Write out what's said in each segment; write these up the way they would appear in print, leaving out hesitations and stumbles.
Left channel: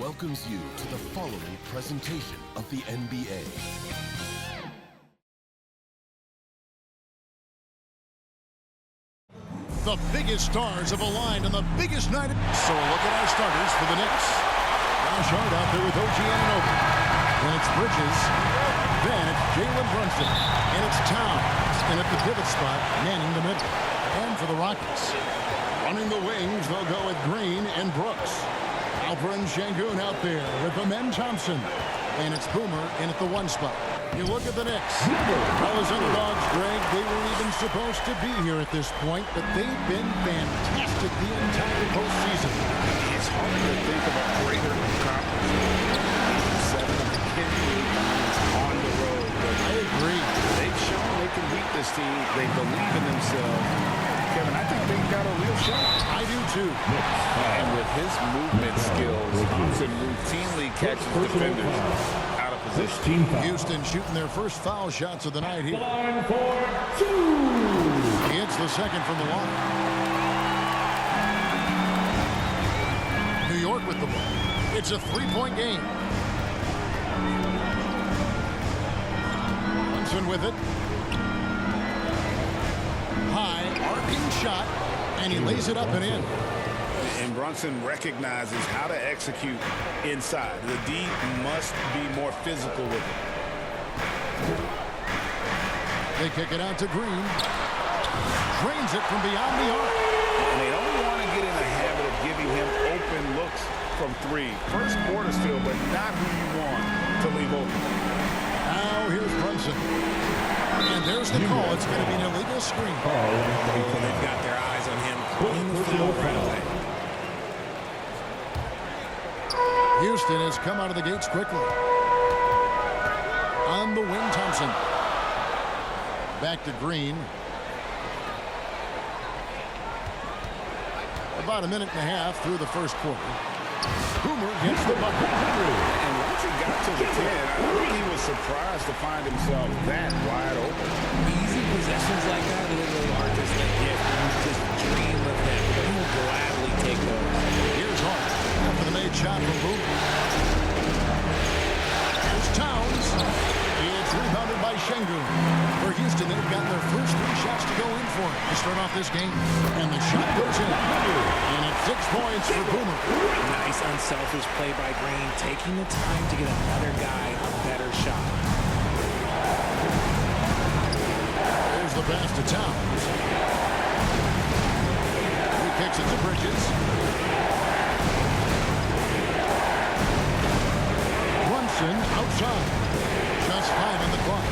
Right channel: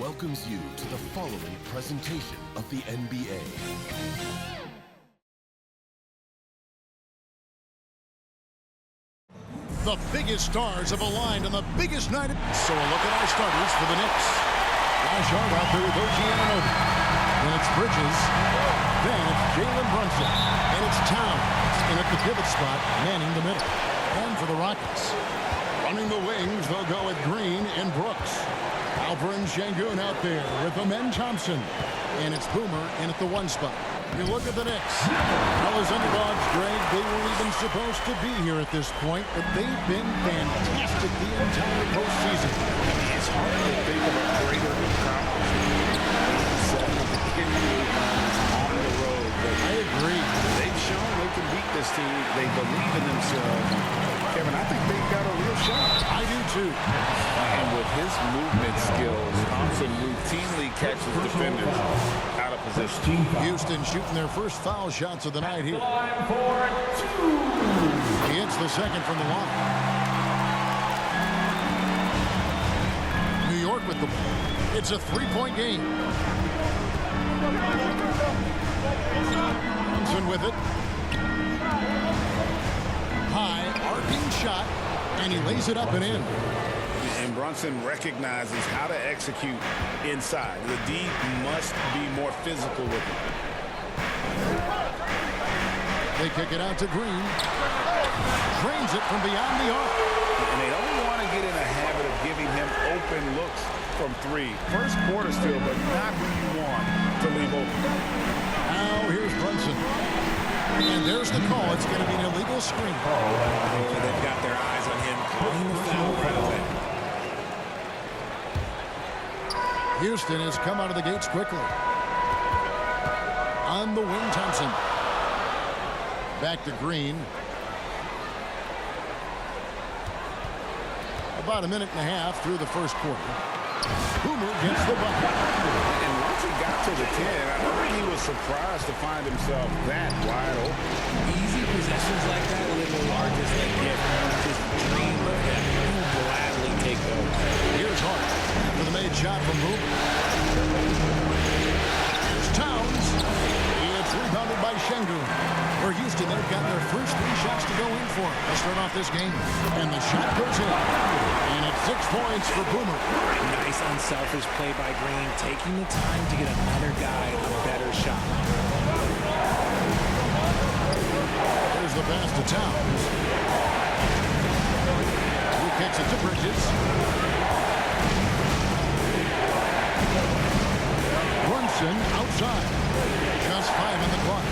welcomes you to the following presentation of the NBA. The biggest stars have aligned on the biggest night. So a look at our starters for the Knicks. Josh Hart out there with OG Anunoby. Then it's Bridges. Then it's Jalen Brunson. And it's Towns in at the pivot spot, manning the middle. And for the Rockets, running the wings, they'll go with Green and Brooks. Alperen Sengun out there with Amen Thompson. And it's Boomer in at the one spot. You look at the Knicks. Well, as underdogs, Greg, they weren't even supposed to be here at this point, but they've been fantastic the entire postseason. I mean, it's hard to think of a greater accomplishment. 7 of the NBA finals on the road. But I agree. They've shown they can beat this team. They believe in themselves. Kevin, I think they've got a real shot. I do too. And with his movement skills, Thompson routinely catches defenders out of position. Houston shooting their first foul shots of the night here. Line for 2. He hits the second from the line. New York with the ball. It's a three-point game. Brunson with it. High, arcing shot, and he lays it up and in. And Brunson recognizes how to execute inside. The D must be more physical with it. They kick it out to Green. Drains it from beyond the arc. And they don't want to get in a habit of giving him open looks from 3. First quarter still, but not who you want to leave open. Now here's Brunson. And there's the call. It's going to be an illegal screen. Oh, they've got their eyes on him, calling the foul right away. Houston has come out of the gates quickly. On the wing, Thompson. Back to Green. About a minute and a half through the first quarter. Boomer gets the bucket. And once he got to the 10, I think he was surprised to find himself that wide open. Easy possessions like that literally are just a gift. You just dream of them. You will gladly take those. Here's Hart after the made shot from Boomer. Here's Towns. It's rebounded by Sengun. For Houston, they've gotten their first 3 shots to go in for it to start off this game. And the shot goes in. And it's 6 points for Boomer. Nice unselfish play by Green, taking the time to get another guy a better shot. There's the pass to Towns. He kicks it to Bridges. Brunson outside. Just 5 on the clock.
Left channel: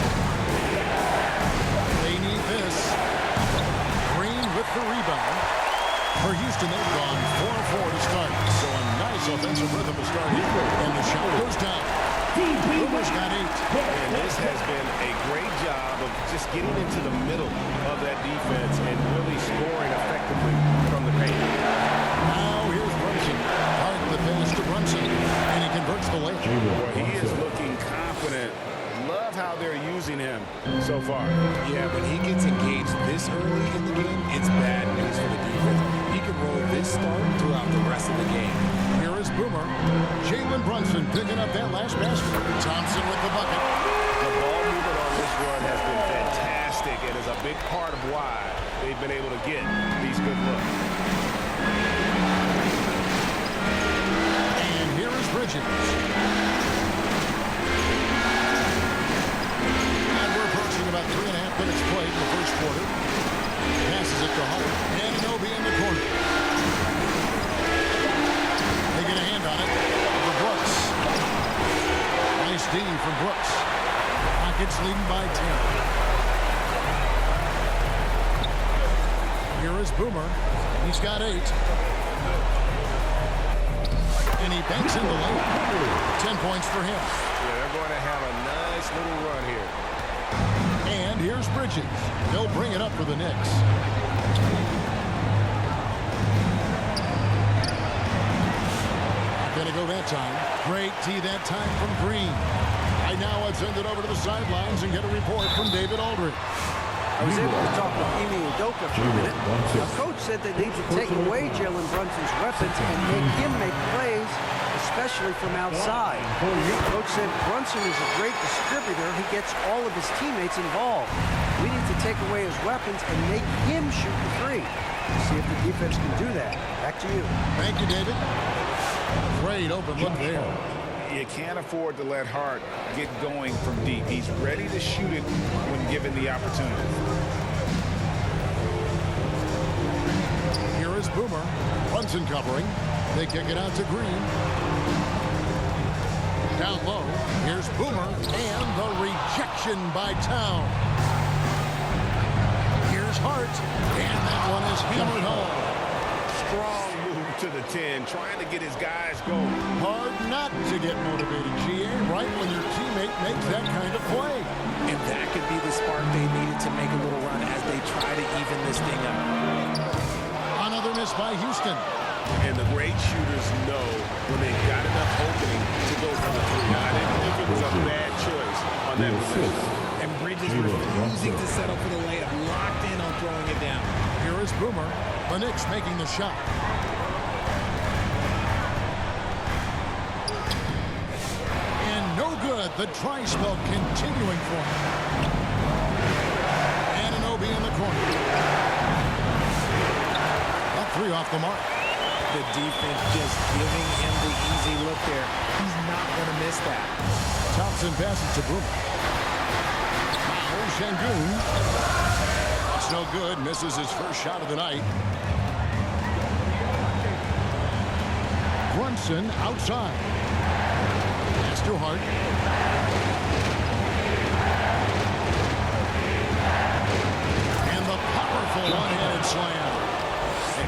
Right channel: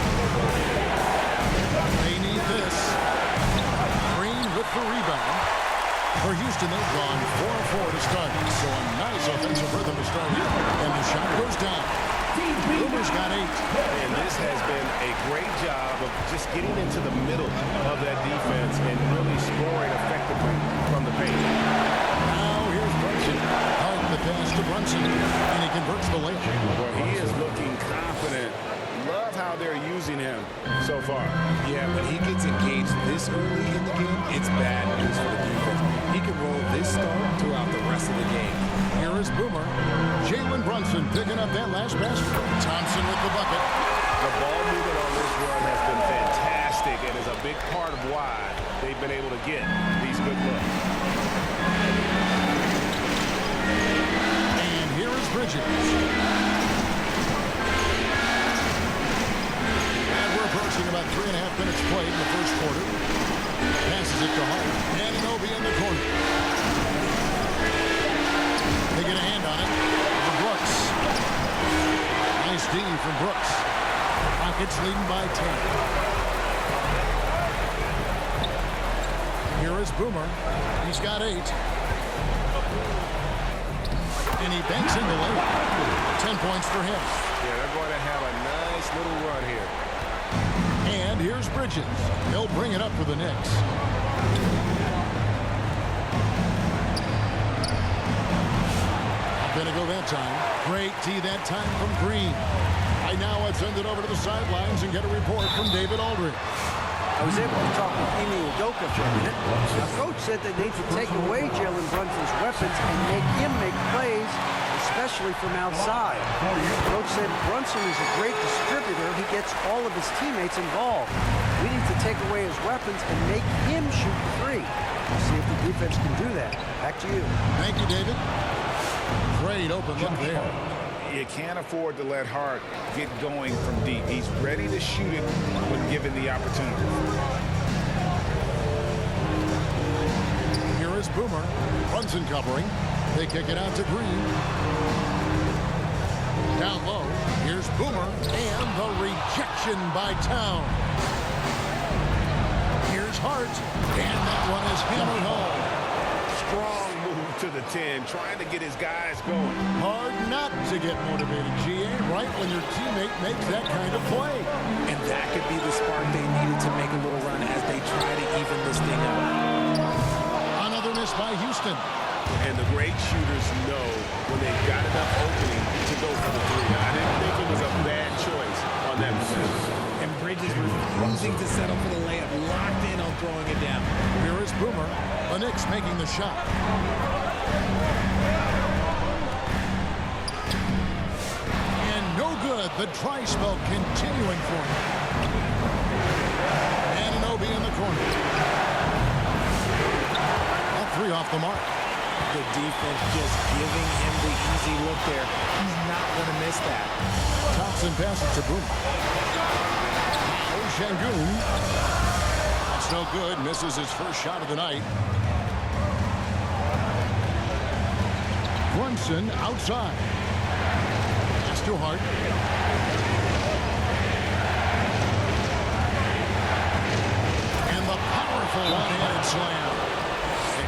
They need this. Green with the rebound. For Houston, they've gone 4-4 to start. So a nice offensive rhythm to start here. And the shot goes down. Boomer's got 8. And this has been a great job of just getting into the middle of that defense and really scoring effectively from the paint. Now here's Brunson. Hart the pass to Brunson. And he converts the layup. Well, he is looking confident. Love how they're using him so far. Yeah, when he gets engaged this early in the game, it's bad news for the defense. He can roll this start throughout the rest of the game. Here is Boomer. Jalen Brunson picking up that last basket. Thompson with the bucket. The ball movement on this run has been fantastic and is a big part of why they've been able to get these good looks. And here is Bridges. Approaching about 3.5 minutes played in the first quarter. Passes it to Hart. Anunoby in the corner. They get a hand on it for Brooks. Nice D from Brooks. Rockets leading by 10. Here is Boomer. He's got 8. And he banks in the lane. 10 points for him. Yeah, they're going to have a nice little run here. And here's Bridges. They'll bring it up for the Knicks. Not going to go that time. Great tee that time from Green. Right now, I've sent it over to the sidelines and get a report from David Aldridge. I was able to talk with Ime Udoka for a minute. Our coach said they need to take away Jalen Brunson's weapons and make him make plays, especially from outside. Coach said Brunson is a great distributor. He gets all of his teammates involved. We need to take away his weapons and make him shoot the three. We'll see if the defense can do that. Back to you. Thank you, David. Great open look there. You can't afford to let Hart get going from deep. He's ready to shoot it when given the opportunity. Here is Boomer. Brunson covering. They kick it out to Green. Down low. Here's Boomer. And the rejection by Town. Here's Hart. And that one is hammered home. Strong move to the 10, trying to get his guys going. Hard not to get motivated, GA, right when your teammate makes that kind of play. And that could be the spark they needed to make a little run as they try to even this thing up. Another miss by Houston. And the great shooters know when they've got enough opening to go for the three. I didn't think it was a bad choice on that possession. And Bridges refusing to settle for the layup, locked in on throwing it down. Here is Boomer. The Knicks making the shot. And no good. The dry spell continuing for him. Anunoby in the corner. That three off the mark. The defense just giving him the easy look there. He's not going to miss that. Thompson passes to Boomer. Now Şengün. That's no good. Misses his first shot of the night. Brunson outside. Pass to Hart. And the powerful one-handed slam.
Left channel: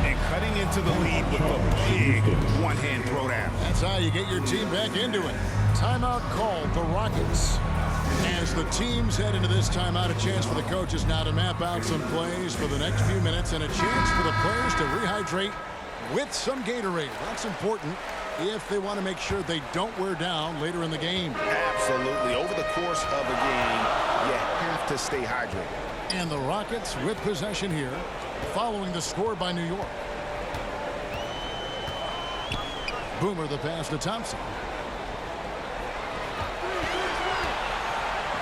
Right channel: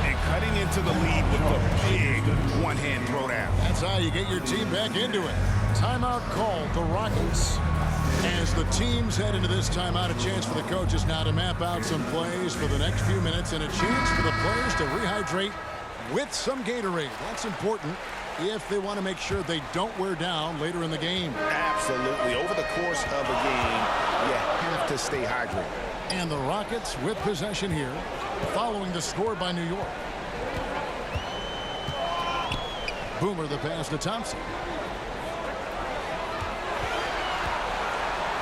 And cutting into the lead with the big one-hand throwdown. That's how you get your team back into it. Timeout called the Rockets. As the teams head into this timeout, a chance for the coaches now to map out some plays for the next few minutes and a chance for the players to rehydrate with some Gatorade. That's important if they want to make sure they don't wear down later in the game. Absolutely. Over the course of a game, you have to stay hydrated. And the Rockets with possession here, following the score by New York. Boomer the pass to Thompson.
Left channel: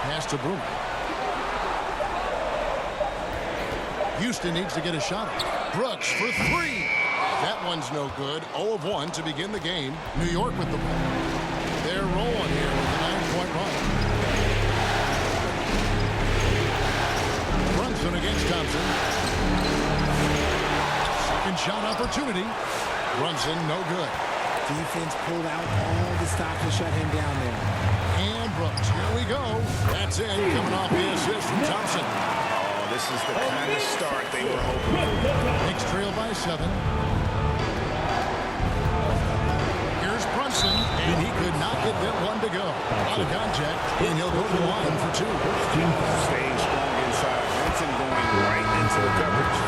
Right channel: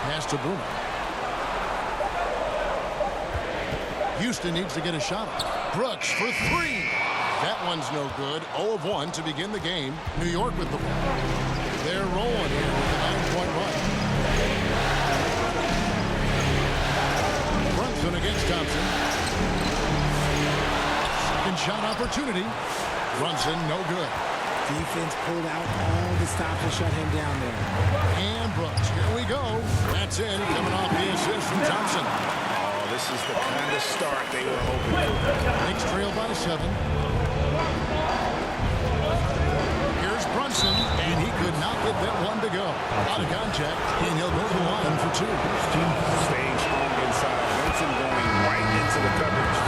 Pass to Boomer. Houston needs to get a shot off. Brooks for three. That one's no good. 0 of 1 to begin the game. New York with the ball. They're rolling here with a 9-point run. Brunson against Thompson. Second shot opportunity. Brunson no good. Defense pulled out all the stops to shut him down there. And Brooks, here we go. That's in, coming off the assist from Thompson. Oh, this is the kind of start they were hoping for. Knicks trail by 7. Here's Brunson, and he could not get that one to go. A lot of contact, and he'll go to the line for 2. Staying strong inside. Brunson going right into the coverage.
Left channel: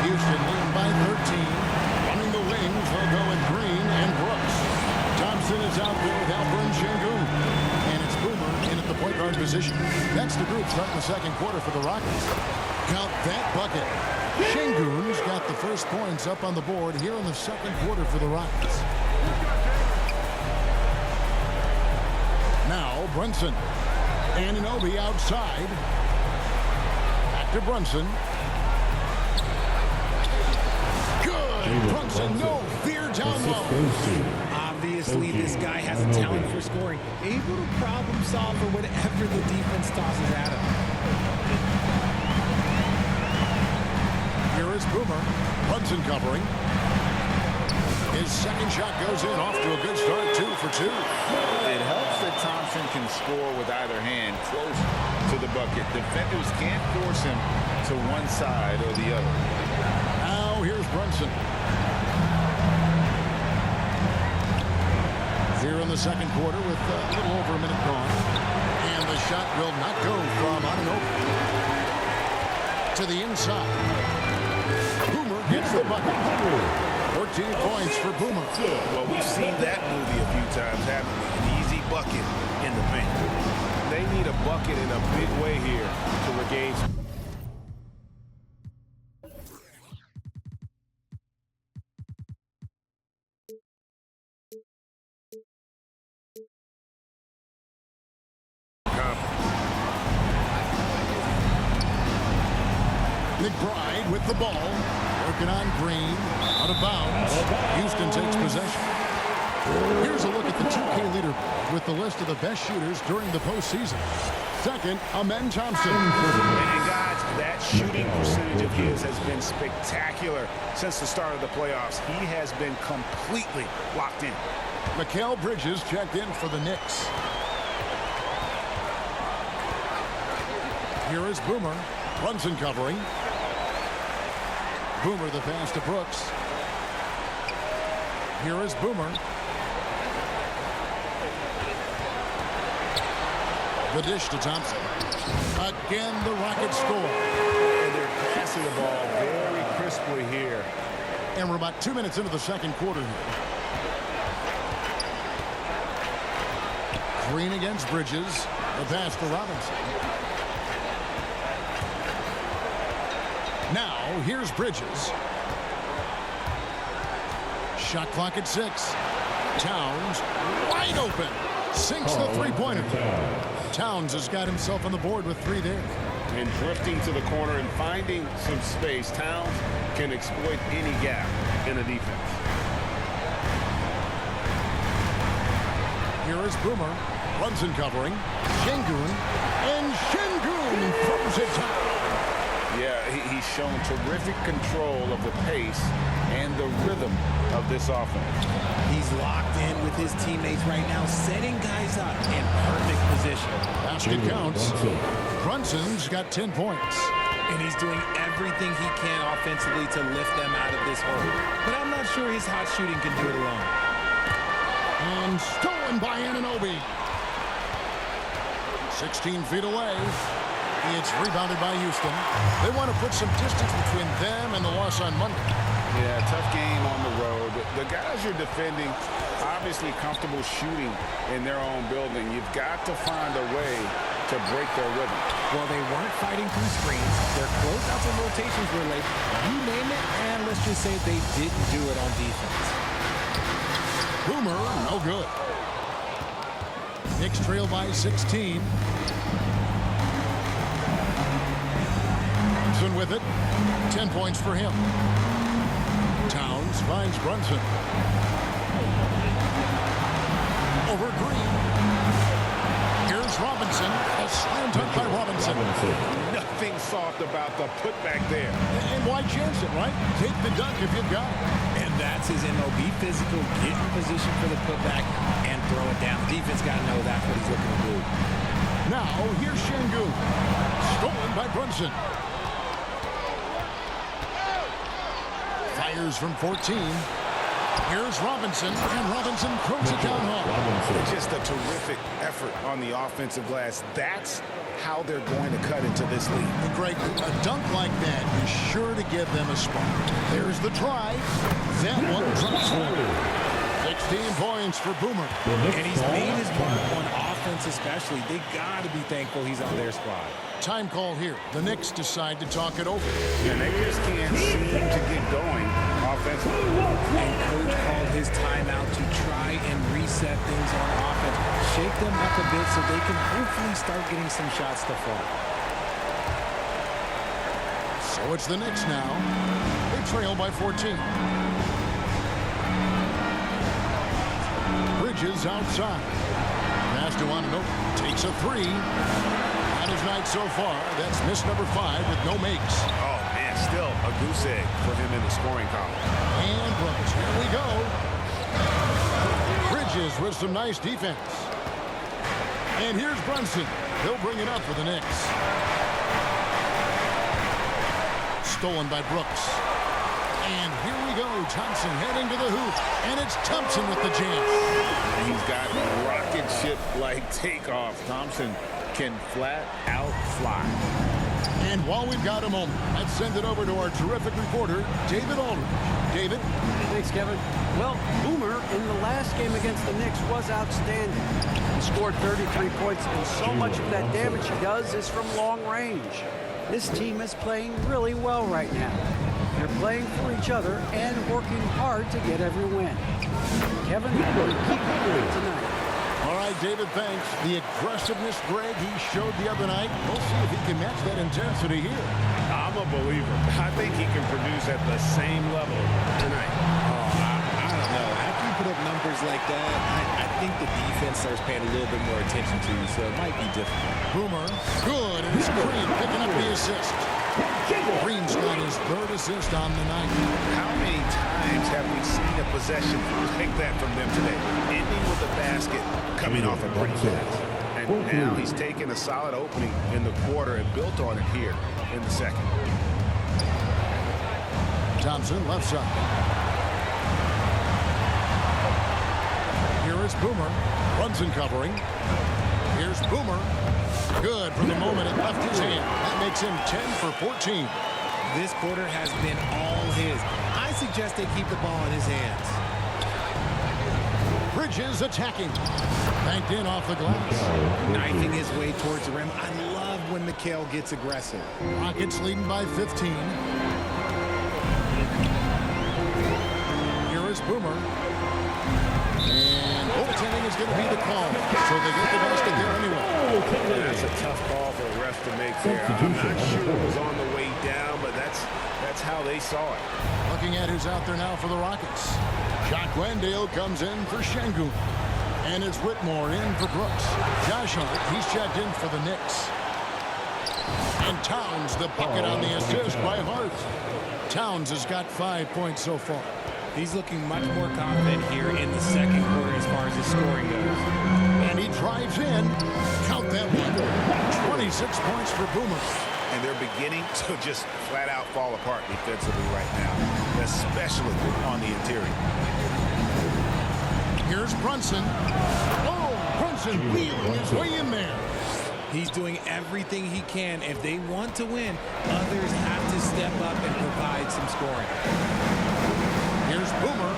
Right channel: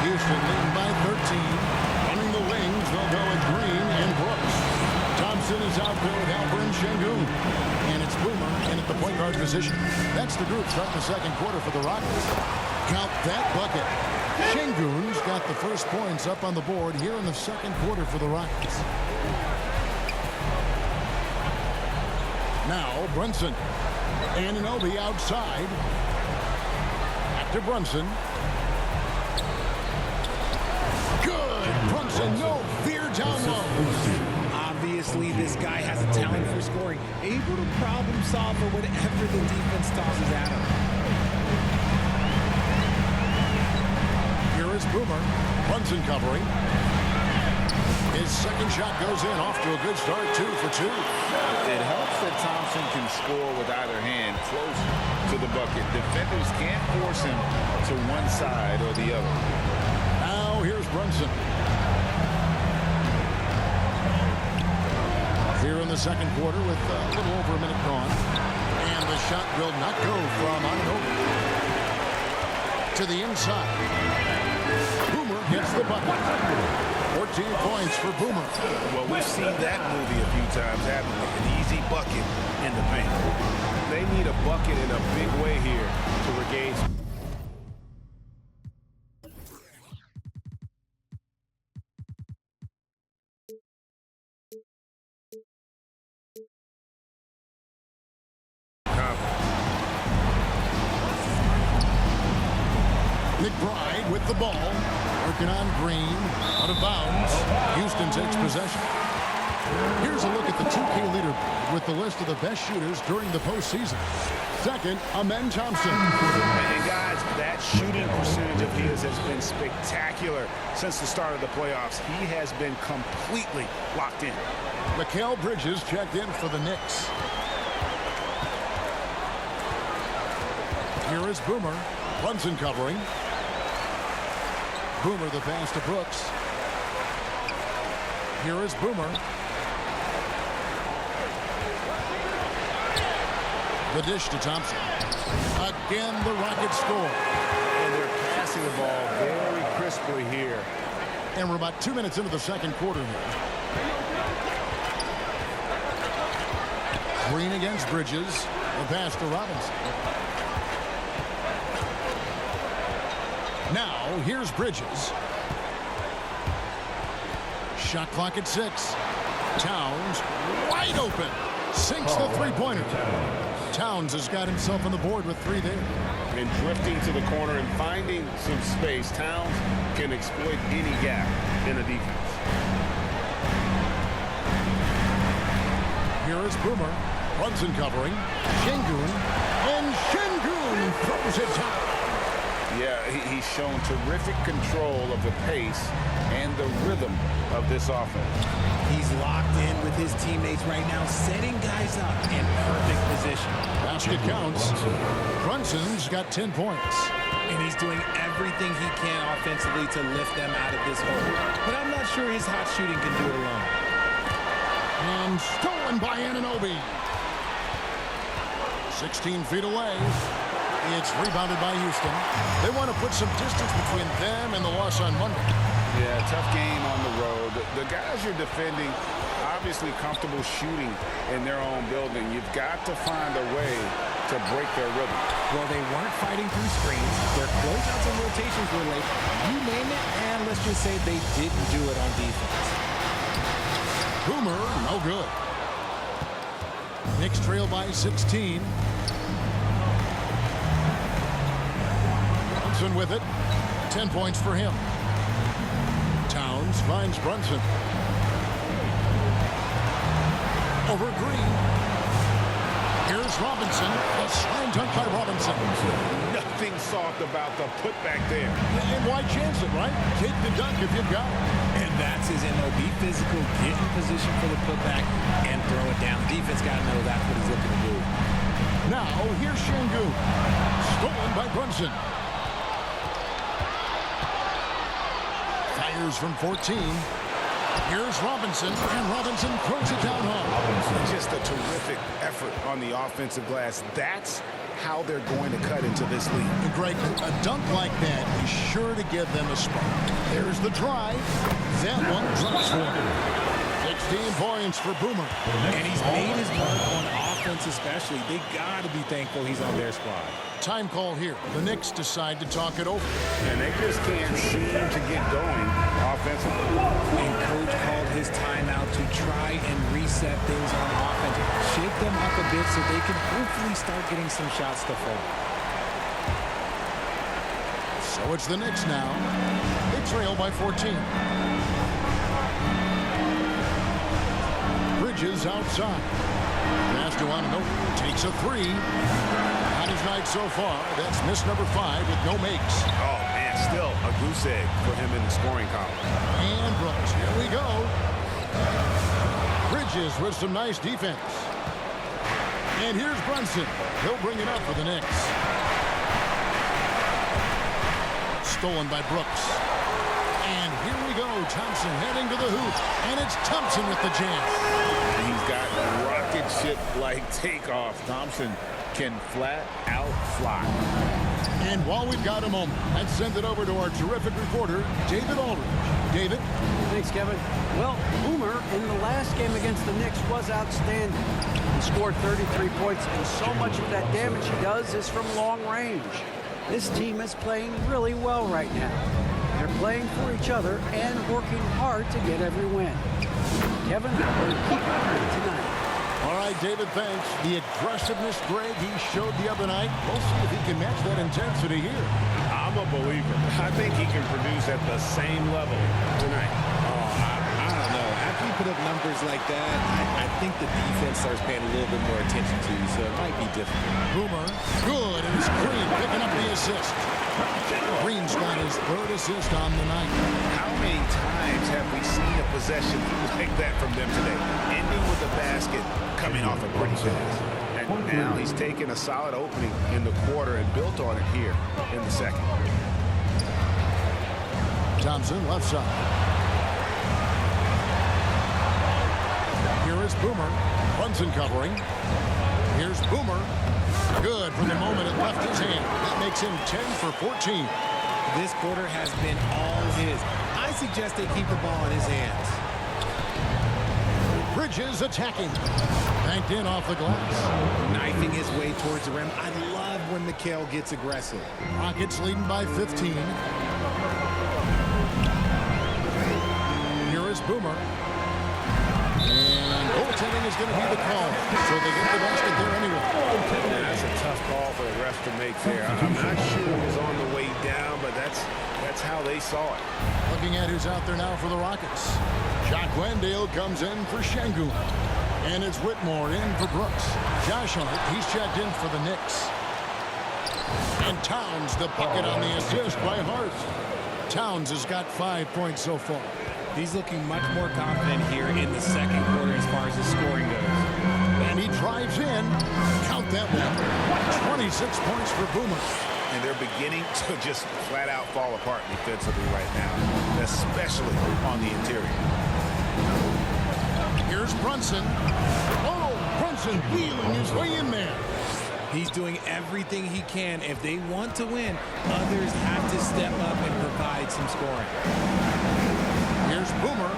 Houston leading by 13. Running the wings, they'll go with Green and Brooks. Thompson is out there with Alperen Şengün. And it's Boomer in at the point guard position. That's the group starting the second quarter for the Rockets. Count that bucket. Şengün's got the first points up on the board here in the second quarter for the Rockets. Now Brunson. Anunoby outside. Back to Brunson. Brunson, no fear down low. Obviously, this guy has a talent for scoring, able to problem solve for whatever the defense tosses at him. Here is Boomer. Brunson covering. His second shot goes in, off to a good start, 2 for 2. It helps that Thompson can score with either hand close to the bucket. Defenders can't force him to one side or the other. Now here's Brunson. Here in the second quarter with a little over a minute gone. And the shot will not go from Anunoby. To the inside. Boomer gets the bucket. 14 points for Boomer. Well, we've seen that movie a few times, haven't we? An easy bucket in the paint. they need a bucket in a big way here to regain. McBride with the ball. Working on Green. Out of bounds. Houston takes possession. Here's a look at the 2K leaderboard with the list of the best shooters during the postseason. Second, Amen Thompson. And guys, that shooting percentage of his has been spectacular since the start of the playoffs. He has been completely locked in. Mikal Bridges checked in for the Knicks. Here is Boomer. Brunson covering. Boomer the pass to Brooks. Here is Boomer. The dish to Thompson. Again, the Rockets score. And they're passing the ball very crisply here. And we're about 2 minutes into the second quarter here. Green against Bridges. The pass to Robinson. Now, here's Bridges. Shot clock at 6. Towns wide open. Sinks the three-pointer. Towns has got himself on the board with 3 there. And drifting to the corner and finding some space, Towns can exploit any gap in a defense. Here is Boomer. Brunson covering. Şengün. And Şengün throws it down. Yeah, he's shown terrific control of the pace and the rhythm of this offense. He's locked in with his teammates right now, setting guys up in perfect position. Basket counts. Brunson's got 10 points. And he's doing everything he can offensively to lift them out of this hole. But I'm not sure his hot shooting can do it alone. And stolen by Anunoby. 16 feet away. It's rebounded by Houston. They want to put some distance between them and the loss on Monday. Yeah, tough game on the road. The guys you're defending, obviously comfortable shooting in their own building. You've got to find a way to break their rhythm. Well, they weren't fighting through screens. Their closeouts and rotations were late. You name it, and let's just say they didn't do it on defense. Boomer, no good. Knicks trail by 16. Brunson with it. 10 points for him. Towns finds Brunson. Over Green. Here's Robinson. A slam dunk by Robinson. Nothing soft about the putback there. And why chance it, right? Take the dunk if you've got it. And that's his MO. Be physical, get in position for the putback, and throw it down. The defense got to know that's what he's looking to do. Now, here's Şengün. Stolen by Brunson. Fires from 14. Here's Robinson, and Robinson throws it down hard. Just a terrific effort on the offensive glass. That's how they're going to cut into this lead. And Greg, a dunk like that is sure to give them a spark. There's the drive. That one drops for him. 16 points for Boomer. And he's made his mark on offense especially. They got to be thankful he's on their squad. Time call here. The Knicks decide to talk it over. And they just can't seem to get going offensively. And coach called his timeout to try and reset things on offense. Shake them up a bit so they can hopefully start getting some shots to fall. So it's the Knicks now. They trail by 14. Bridges outside. Pass to Anunoby. Takes a 3. On his night so far, that's miss number 5 with no makes. Oh, man, still a goose egg for him in the scoring column. And Brooks, here we go. Bridges with some nice defense. And here's Brunson. He'll bring it up for the Knicks. Stolen by Brooks. And here we go. Thompson heading to the hoop. And it's Thompson with the jam. And he's got rocket ship-like takeoff. Thompson can flat out fly. And while we've got a moment, let's send it over to our terrific reporter, David Aldridge. David? Thanks, Kevin. Well, Boomer in the last game against the Knicks was outstanding. He scored 33 points, and so much of that damage he does is from long range. This team is playing really well right now. They're playing for each other and working hard to get every win. Kevin, will you keep winning tonight? All right, David, thanks. The aggressiveness, Greg, he showed the other night. We'll see if he can match that intensity here. I'm a believer. I think he can produce at the same level tonight. I don't know. After you put up numbers like that, I think the defense starts paying a little bit more attention to you, so it might be difficult. Boomer, good, and it's Green picking up the assist. Green's got his third assist on the night. How many times have we seen a possession like that from them today? Ending with a basket, coming off a pretty pass. And now he's taken a solid opening in the quarter and built on it here in the second. Thompson, left side. Here is Boomer. Brunson covering. Here's Boomer. Good from the moment it left his hand. That makes him 10 for 14. This quarter has been all his. I suggest they keep the ball in his hands. Bridges attacking. Banked in off the glass. Knifing his way towards the rim. I love when Mikal gets aggressive. Rockets leading by 15. Here is Boomer. And goaltending is going to be the call. So they get the basket there anyway. And that's a tough call for the refs to make there. I'm not sure it was on the way down, but that's how they saw it. Looking at who's out there now for the Rockets. Jacques Wendale comes in for Şengün. And it's Whitmore in for Brooks. Josh Hart, he's checked in for the Knicks. And Towns, the bucket on the assist by Hart. Towns has got 5 points so far. He's looking much more confident here in the second quarter as far as his scoring goes. And he drives in. Count that one. 26 points for Boomer. And they're beginning to just flat out fall apart defensively right now, especially on the interior. Here's Brunson. Oh, Brunson wheeling his way in there. He's doing everything he can. If they want to win, others have to step up and provide some scoring. Here's Boomer.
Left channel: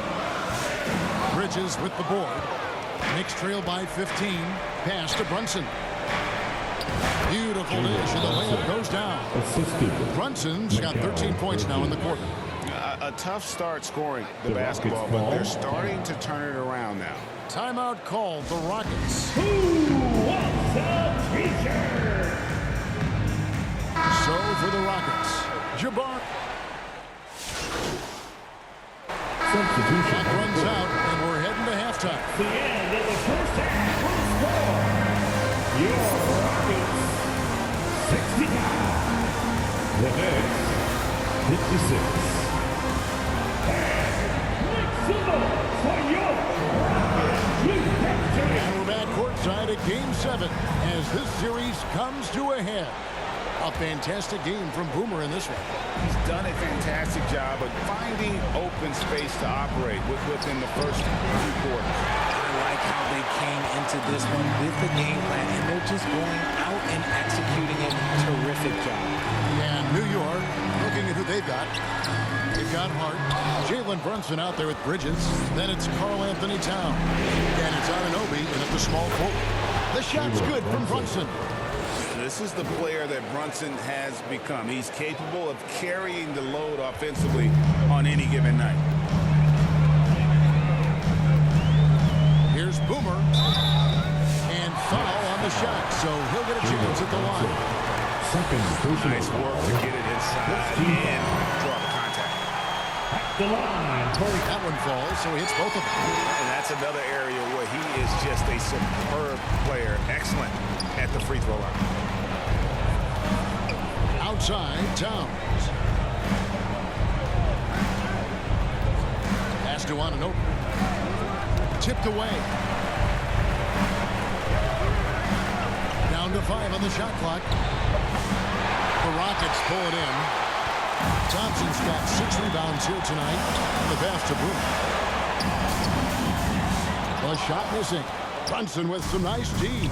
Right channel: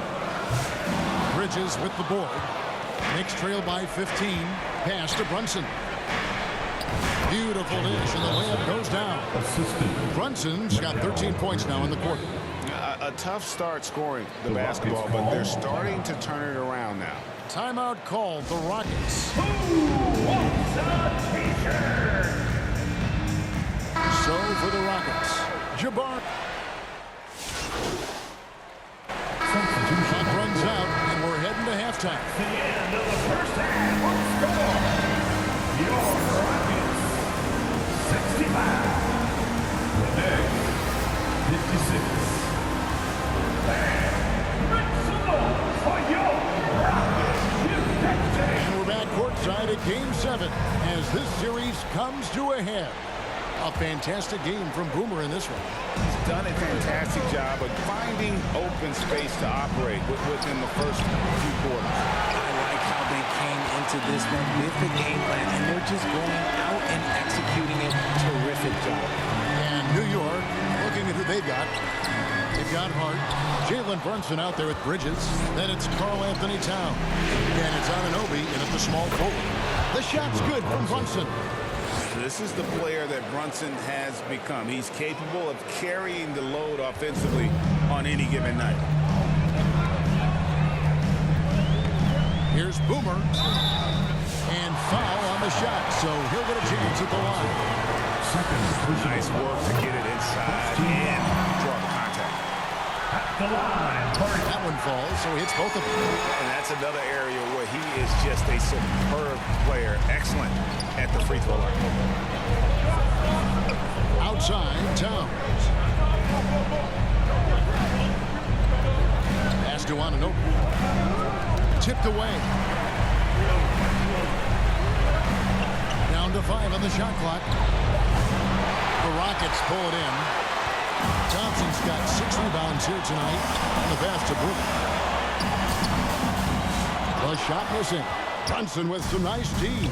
Bridges with the board. Knicks trail by 15. Pass to Brunson. Beautiful dish, and the layup goes down. Brunson's got 13 points now in the quarter. A tough start scoring the basketball, but they're starting to turn it around now. Timeout called, the Rockets. Who wants a t-shirt? So for the Rockets, Jabbar. Clock runs out, and we're heading to halftime. The end of the first half will score. Your Rockets 65. The Knicks 56. And make some noise for your Rockets. And we're back courtside at Game 7 as this series comes to a head. A fantastic game from Boomer in this one. He's done a fantastic job of finding open space to operate within the first few quarters. I like how they came into this one with the game plan, and they're just going out and executing it. Terrific job. And New York, looking at who they've got. They've got Hart. Jalen Brunson out there with Bridges. Then it's Karl Anthony Towns. And it's Anunoby in at the small forward. The shot's good from Brunson. This is the player that Brunson has become. He's capable of carrying the load offensively on any given night. Here's Boomer. And foul on the shot, so he'll get a chance at the line. Nice work to get it inside and draw the contact. At the line. That one falls, so he hits both of them. And that's another area where he is just a superb player. Excellent at the free throw line. Outside, Towns. Pass to Anunoby. Tipped away. Down to 5 on the shot clock. The Rockets pull it in. Thompson's got 6 rebounds here tonight on the pass to Boomer. The shot missing. Brunson with some nice D.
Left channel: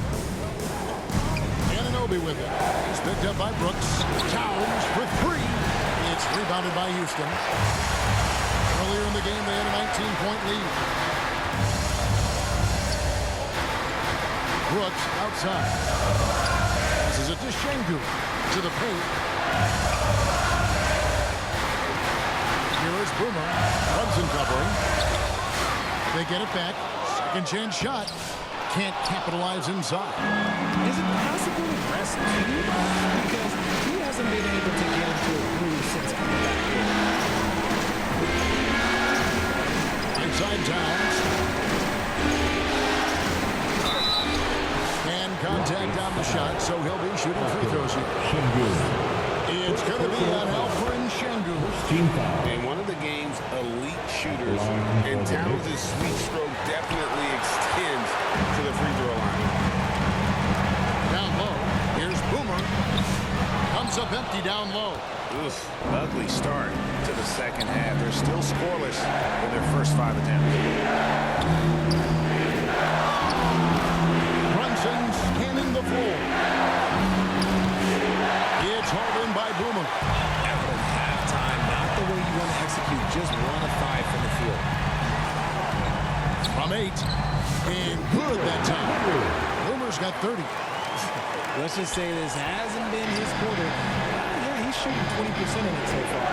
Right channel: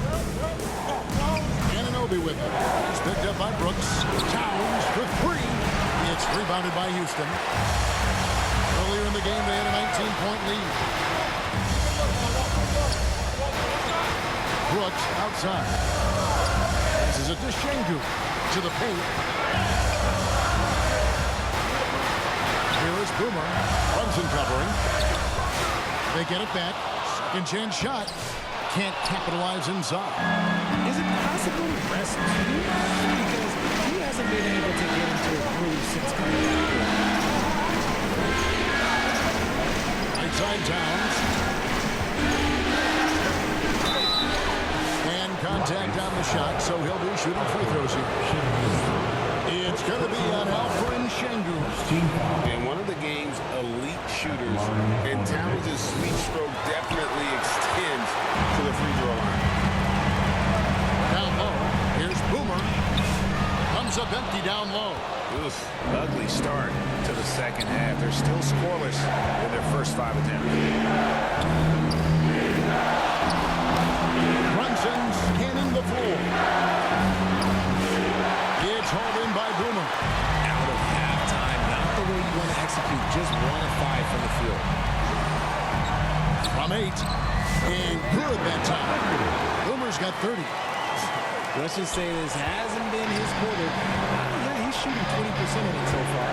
Anunoby with it. He's picked up by Brooks. Towns Rebounded by Houston. Earlier in the game, they had a 19-point lead. Brooks outside. This is it to Şengün. To the paint. Here is Boomer. Brunson covering. They get it back. Second chance shot. Can't capitalize inside. Is it possible to rest too much? Because he hasn't been able to get into a groove since coming back here. Inside Towns. And contact on the shot, so he'll be shooting free throws here. It's going to be on Alperen Şengün. And one of the game's elite shooters, and Towns' sweet stroke definitely extends to the free throw line. Down low, here's Boomer. Comes up empty down low. Oof, ugly start to the second half. They're still scoreless in their first 5 attempts. Brunson scanning the floor. It's hauled in by Boomer. Out of halftime, not the way you want to execute. Just 1 of 5 from the field. From 8. And good that time. Boomer's got 30. Let's just say this hasn't been his quarter. Yeah, he's shooting 20% in it so far.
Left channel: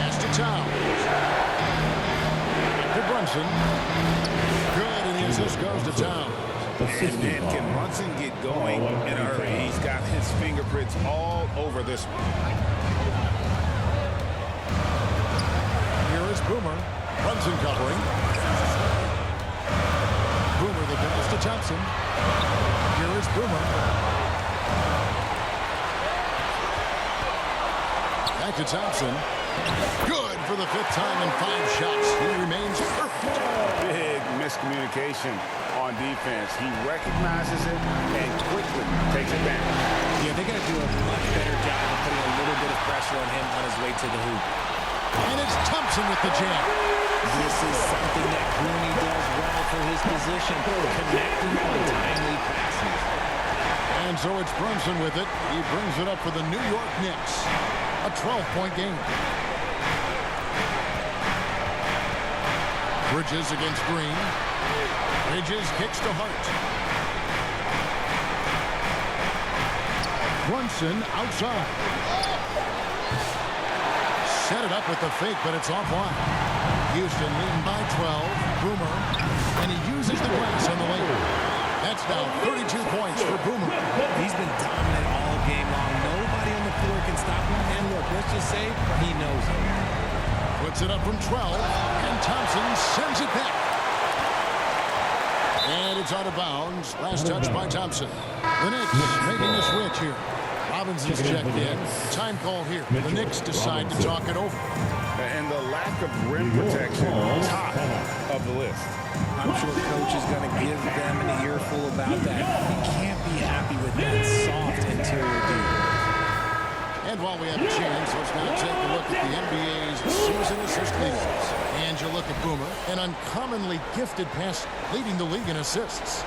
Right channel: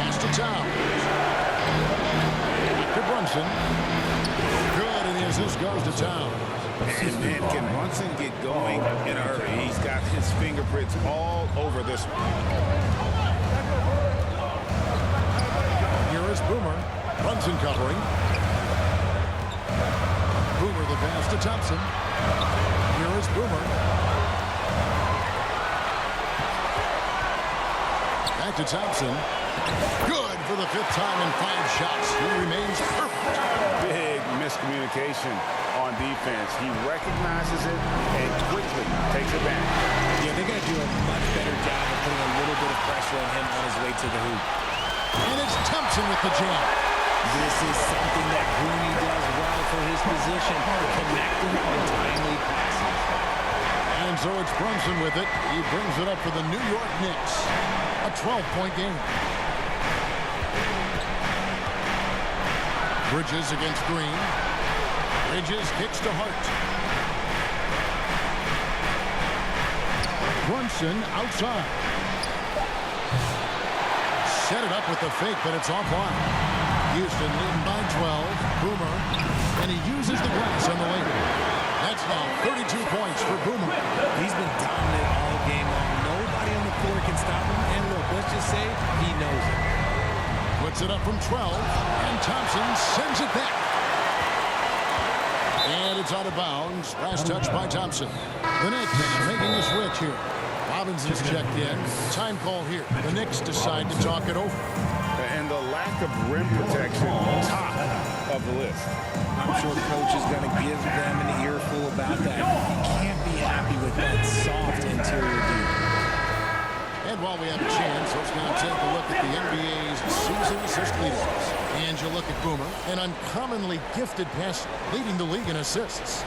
Pass to Towns. Back to Brunson. Good, and the assist goes to Towns. And man, can Brunson get going in a hurry? He's got his fingerprints all over this one. Here is Boomer. Brunson covering. Boomer the pass to Thompson. Here is Boomer. Back to Thompson. Good for the 5th time in 5 shots. He remains perfect. Big miscommunication on defense. He recognizes it and quickly takes it back. Yeah, they got to do a much better job of putting a little bit of pressure on him on his way to the hoop. And it's Thompson with the jam. This is something that Grooney does well for his position, connecting on timely passes. And so it's Brunson with it. He brings it up for the New York Knicks. A 12-point game. Bridges against Green. Bridges kicks to Hart. Brunson outside. Set it up with the fake, but it's offline. Houston leading by 12. Boomer. And he uses the glass on the lane. That's now 32 points for Boomer. He's been dominant all game long. Nobody on the floor can stop him. And look, let's just say he knows it. Puts it up from 12. And Thompson sends it back. And it's out of bounds. Last touch by Thompson. The Knicks making a switch here. Robinson's checked in. Time call here. The Knicks decide to talk it over. And the lack of rim protection, top of the list. I'm sure coach is going to give them an earful about that. He can't be happy with that soft interior D. And while we have a chance, let's now take a look at the NBA's season assist leaders. And you look at Boomer, an uncommonly gifted passer, leading the league in assists.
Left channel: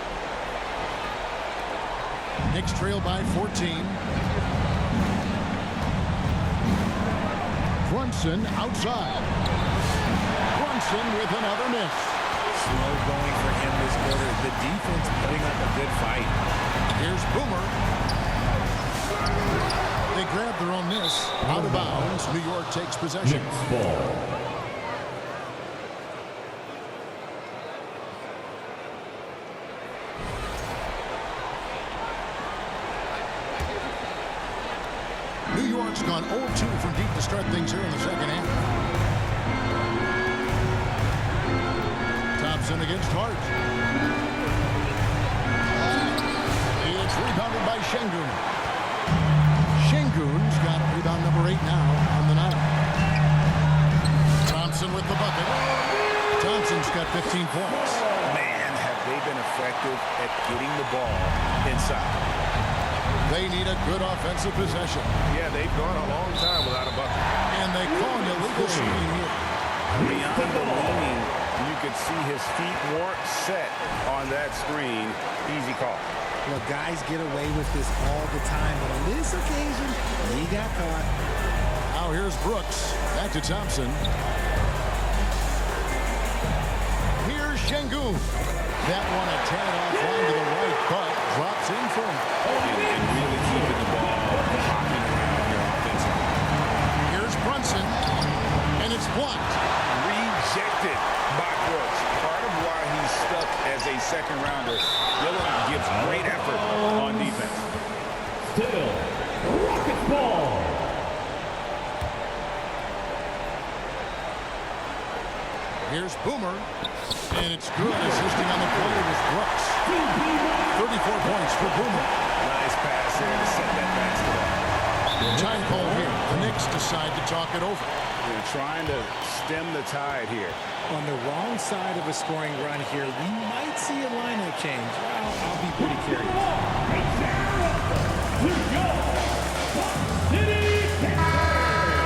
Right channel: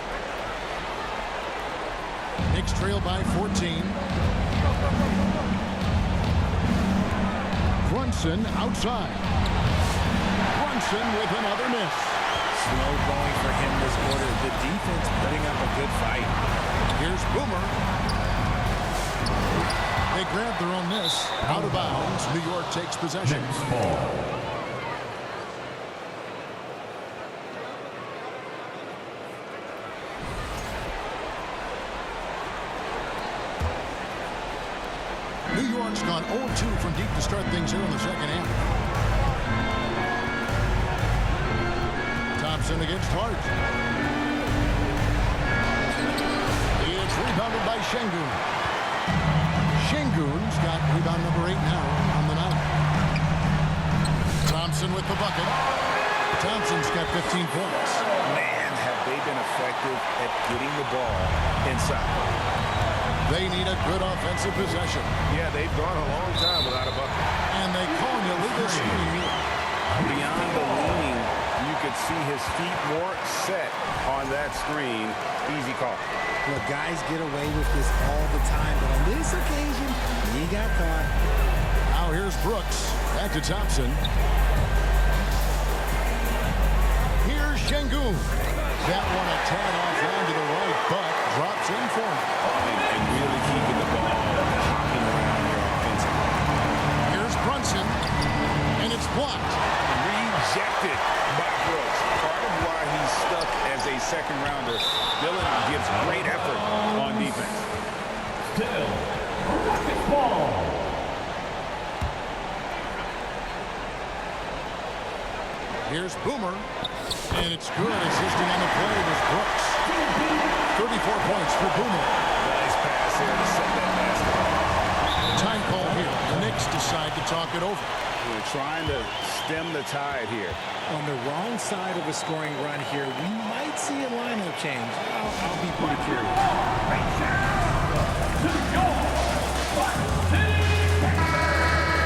Knicks trail by 14. Brunson outside. Brunson with another miss. Slow going for him this quarter. The defense putting up a good fight. Here's Boomer. They grab their own miss. Out of bounds. New York takes possession. New York's gone 0-2 from deep to start things here in the second half. Thompson against Hart. It's rebounded by Şengün. Şengün's got rebound number 8 now on the night. Thompson with the bucket. Thompson's got 15 points. Man, have they been effective at getting the ball inside. They need a good offensive possession. Yeah, they've gone a long time without a bucket. And they call an illegal screen here. Beyond the leaning, you could see his feet weren't set on that screen. Easy call. Look, guys get away with this all the time, but on this occasion, he got caught. Now here's Brooks. Back to Thompson. Here's Şengün. That one a tad off line to the right, but drops in for him. And really keeping the ball hopping around here offensively. Here's Brunson, and it's blocked. Rejected by Brooks. Part of why he's stuck as a second rounder. Dillon gives great effort on defense. Still, Rockets ball. Here's Boomer, and it's good. Assisting on the play was Brooks. 34 points for Boomer. Nice pass here to set that basket up. Time call here. The Knicks decide to talk it over. They're trying to stem the tide here. On the wrong side of a scoring run here, we might see a lineup change. I'll be pretty curious. Right down to your Buck City Cavaliers.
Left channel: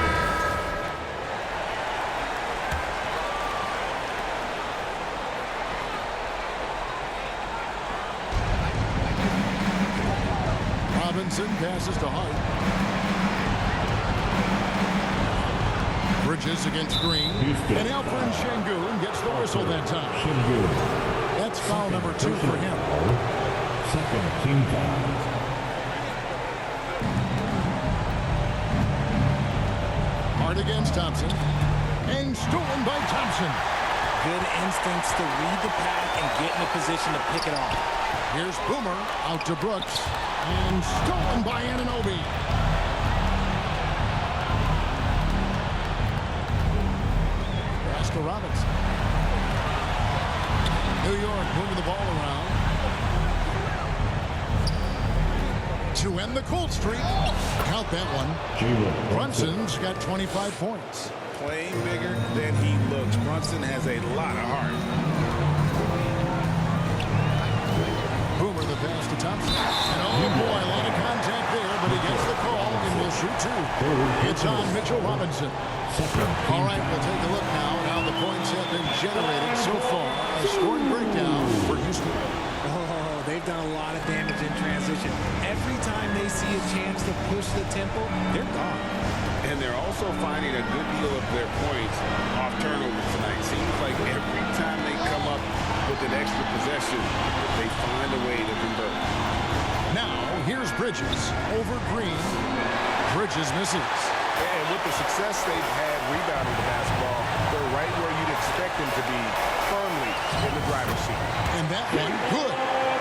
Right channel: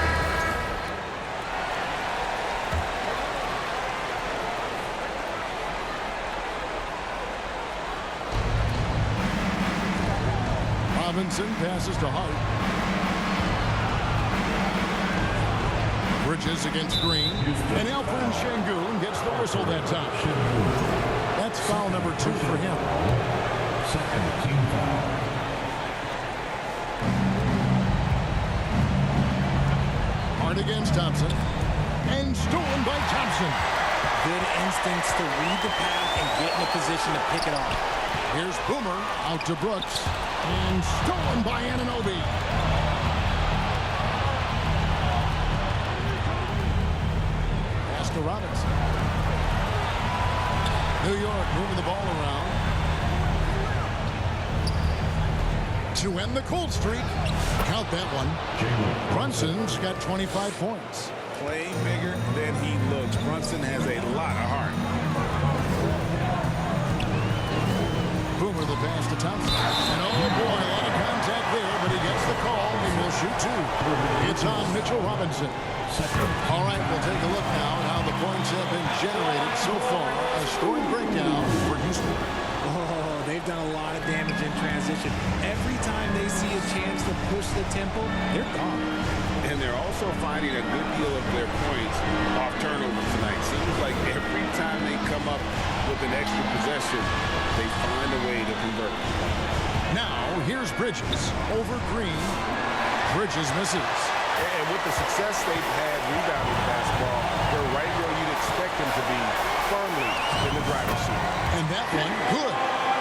Robinson passes to Hart. Bridges against Green. And Alperen Şengün gets the whistle that time. That's foul number 2 for him. Second team foul. Hart against Thompson. And stolen by Thompson. Good instincts to read the path and get in a position to pick it off. Here's Boomer out to Brooks. And stolen by Anunoby. Pass to Robinson. New York moving the ball around. To end the cold streak. Count that one. Brunson's got 25 points. Playing bigger than he looks. Brunson has a lot of heart. Boomer the pass to Thompson. And oh boy, a lot of contact there, but he gets the call and will shoot 2. It's on Mitchell Robinson. All right, we'll take a look now at how the points have been generated so far. A scoring breakdown for Houston. Oh, they've done a lot of damage in transition. Every time they see a chance to push the tempo, they're gone. And they're also finding a good deal of their points off turnovers tonight. Seems like every time they come up with an extra possession, they find a way to convert. Now, here's Bridges over Green. Bridges misses. And with the success they've had rebounding the basketball, they're right where you'd expect them to be, firmly in the driver's seat. And that one, good.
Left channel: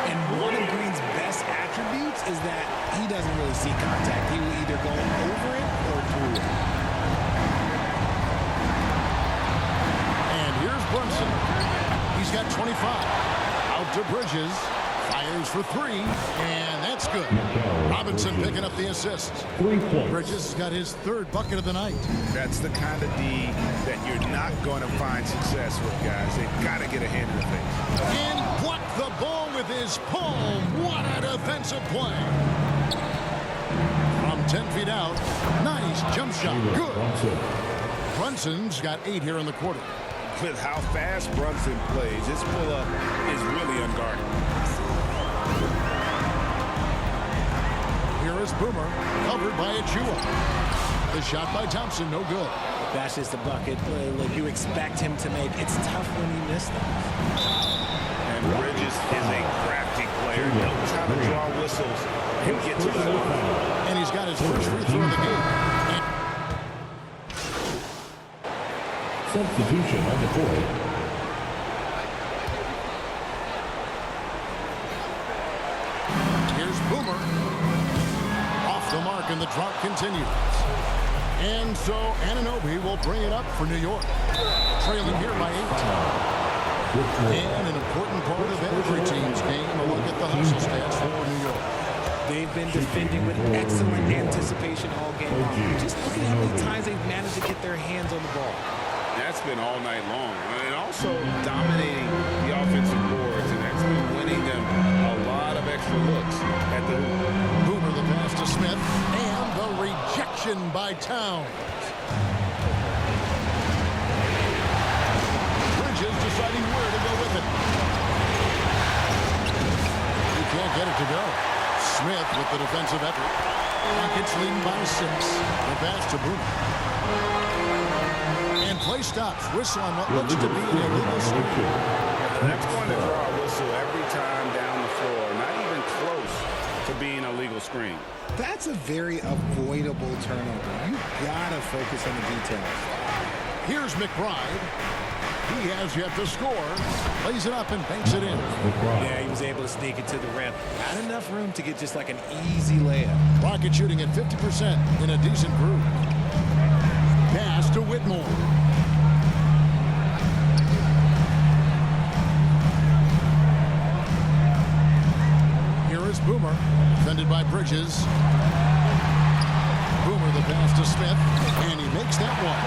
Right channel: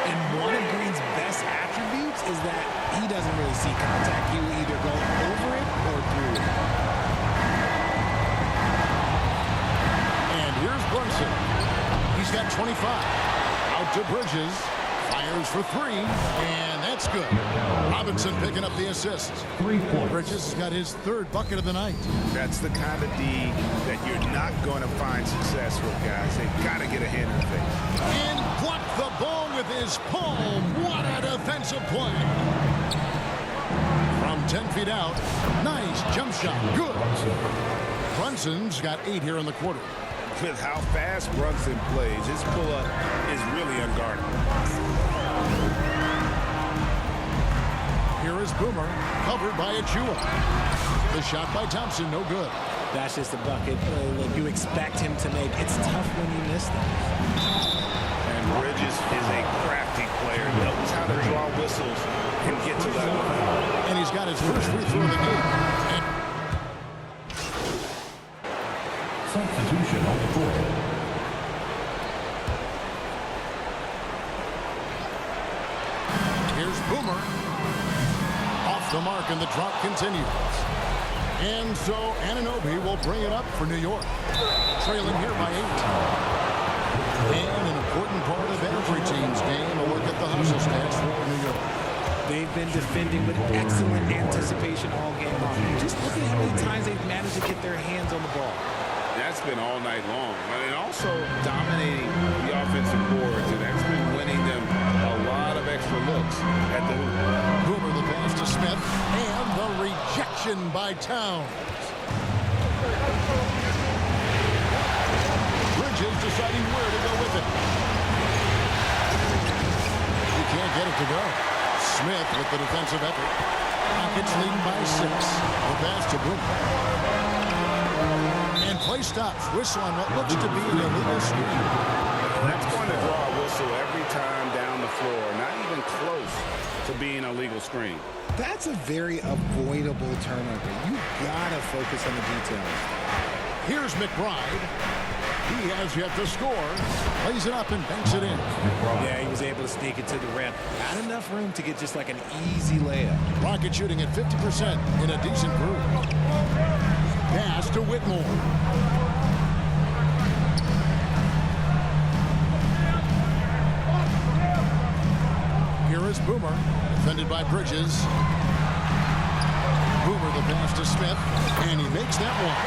And one of Green's best attributes is that he doesn't really see contact. He will either go over it or through it. And here's Brunson. He's got 25. Out to Bridges. Fires for 3. And that's good. Robinson picking up the assist. 3 points. Bridges has got his 3rd bucket of the night. That's the kind of D that you're not going to find success with, guys. They've got to get a hand in the face. And blocked the ball with his palm. What a defensive play. From 10 feet out. Nice jump shot. Good. Brunson's got 8 here in the quarter. With how fast Brunson plays, his pull-up is really unguarded. Here is Boomer, covered by Achua. The shot by Thompson, no good. That's just a bucket like you expect him to make. It's tough when you miss them. And Bridges is a crafty player. Knows how to draw whistles and get to that line. And he's got his first free throw of the game. And Substitution on the court. here's Boomer. Off the mark, and the drought continues. And so Anunoby will bring it up for New York. Trailing here by 8. And an important part of every team's game, a look at the hustle stats for New York. They've been defending with excellent anticipation all game long. Just look at how many times they've managed to get their hands on the ball. That's been all night long. And also dominating the offensive boards, and that's been winning them a lot of extra looks at the hoop. Boomer the pass to Smith, and the rejection by Towns. Bridges deciding where to go with it. He can't get it to go. Smith with the defensive effort. Rockets leading by 6. The pass to Boomer. And play stops. Whistle on what looks to be an illegal screen. That's going to draw a whistle every time down the floor. Not even close to being a legal screen. That's a very avoidable turnover. You gotta focus on the details. Here's McBride. He has yet to score. Plays it up and banks it in. Yeah, he was able to sneak it to the rim. Not enough room to get just like an easy layup. Rocket shooting at 50% in a decent group. Pass to Whitmore. Here is Boomer, defended by Bridges. Boomer the pass to Smith, and he makes that one.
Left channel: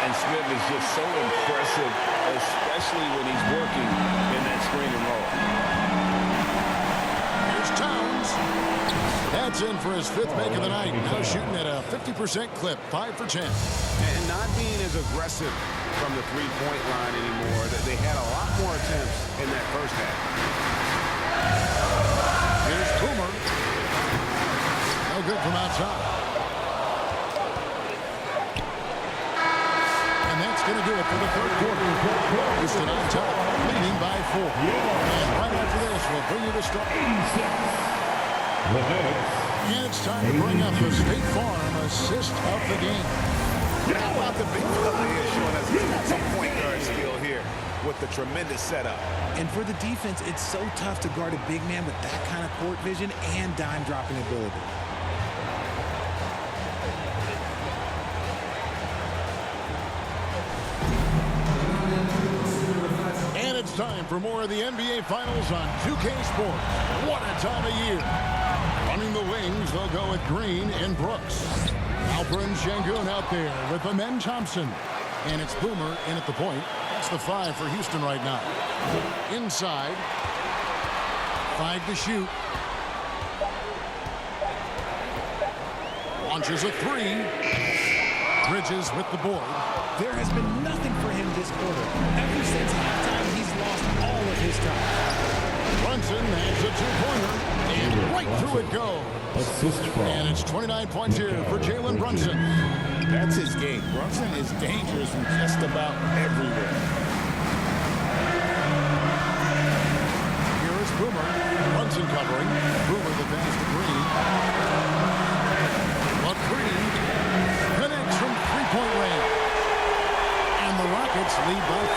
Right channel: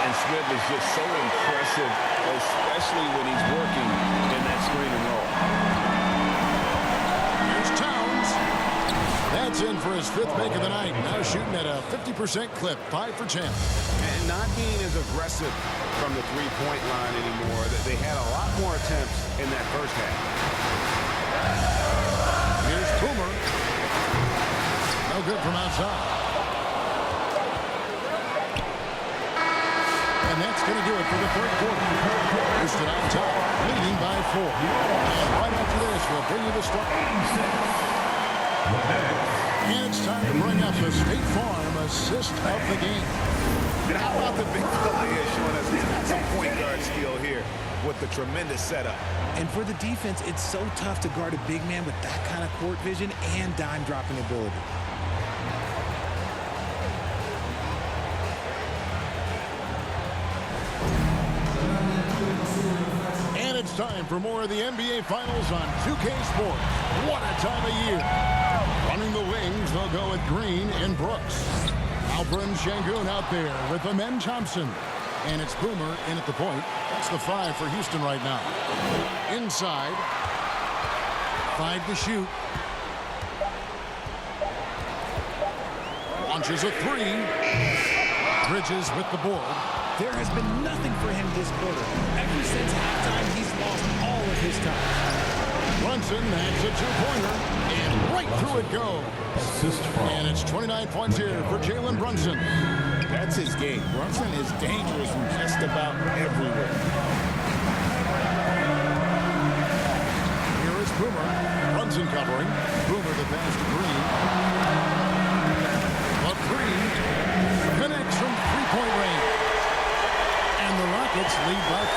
And Smith is just so impressive, especially when he's working in that screen and roll. Here's Towns. That's in for his 5th make of the night. Now shooting at a 50% clip, 5 for 10. And not being as aggressive from the three-point line anymore. They had a lot more attempts in that first half. Here's Boomer. No good from outside. And that's going to do it for the 3rd quarter. Houston on top, leading by 4. And right after this, we'll bring you the start. 86. The next. And it's time to bring up the State Farm assist of the game. And how about the big fella here showing us he's got some point guard skill here with the tremendous setup. And for the defense, it's so tough to guard a big man with that kind of court vision and dime dropping ability. And it's time for more of the NBA Finals on 2K Sports. What a time of year. Running the wings, they'll go with Green and Brooks. Alperen Şengün out there with Amen Thompson. And it's Boomer in at the point. That's the 5 for Houston right now. Inside. 5 to shoot. Launches a 3. Bridges with the board. There has been nothing for him this quarter. Ever since halftime, he's lost all of his time. Brunson adds a 2-pointer. And right through it goes. Assist from. And it's 29 points here for Jalen Brunson. That's his game. Brunson is dangerous from just about everywhere. Here is Boomer. Brunson covering. Boomer the pass to Green. But Green connects from 3-point range. And the Rockets lead by 5.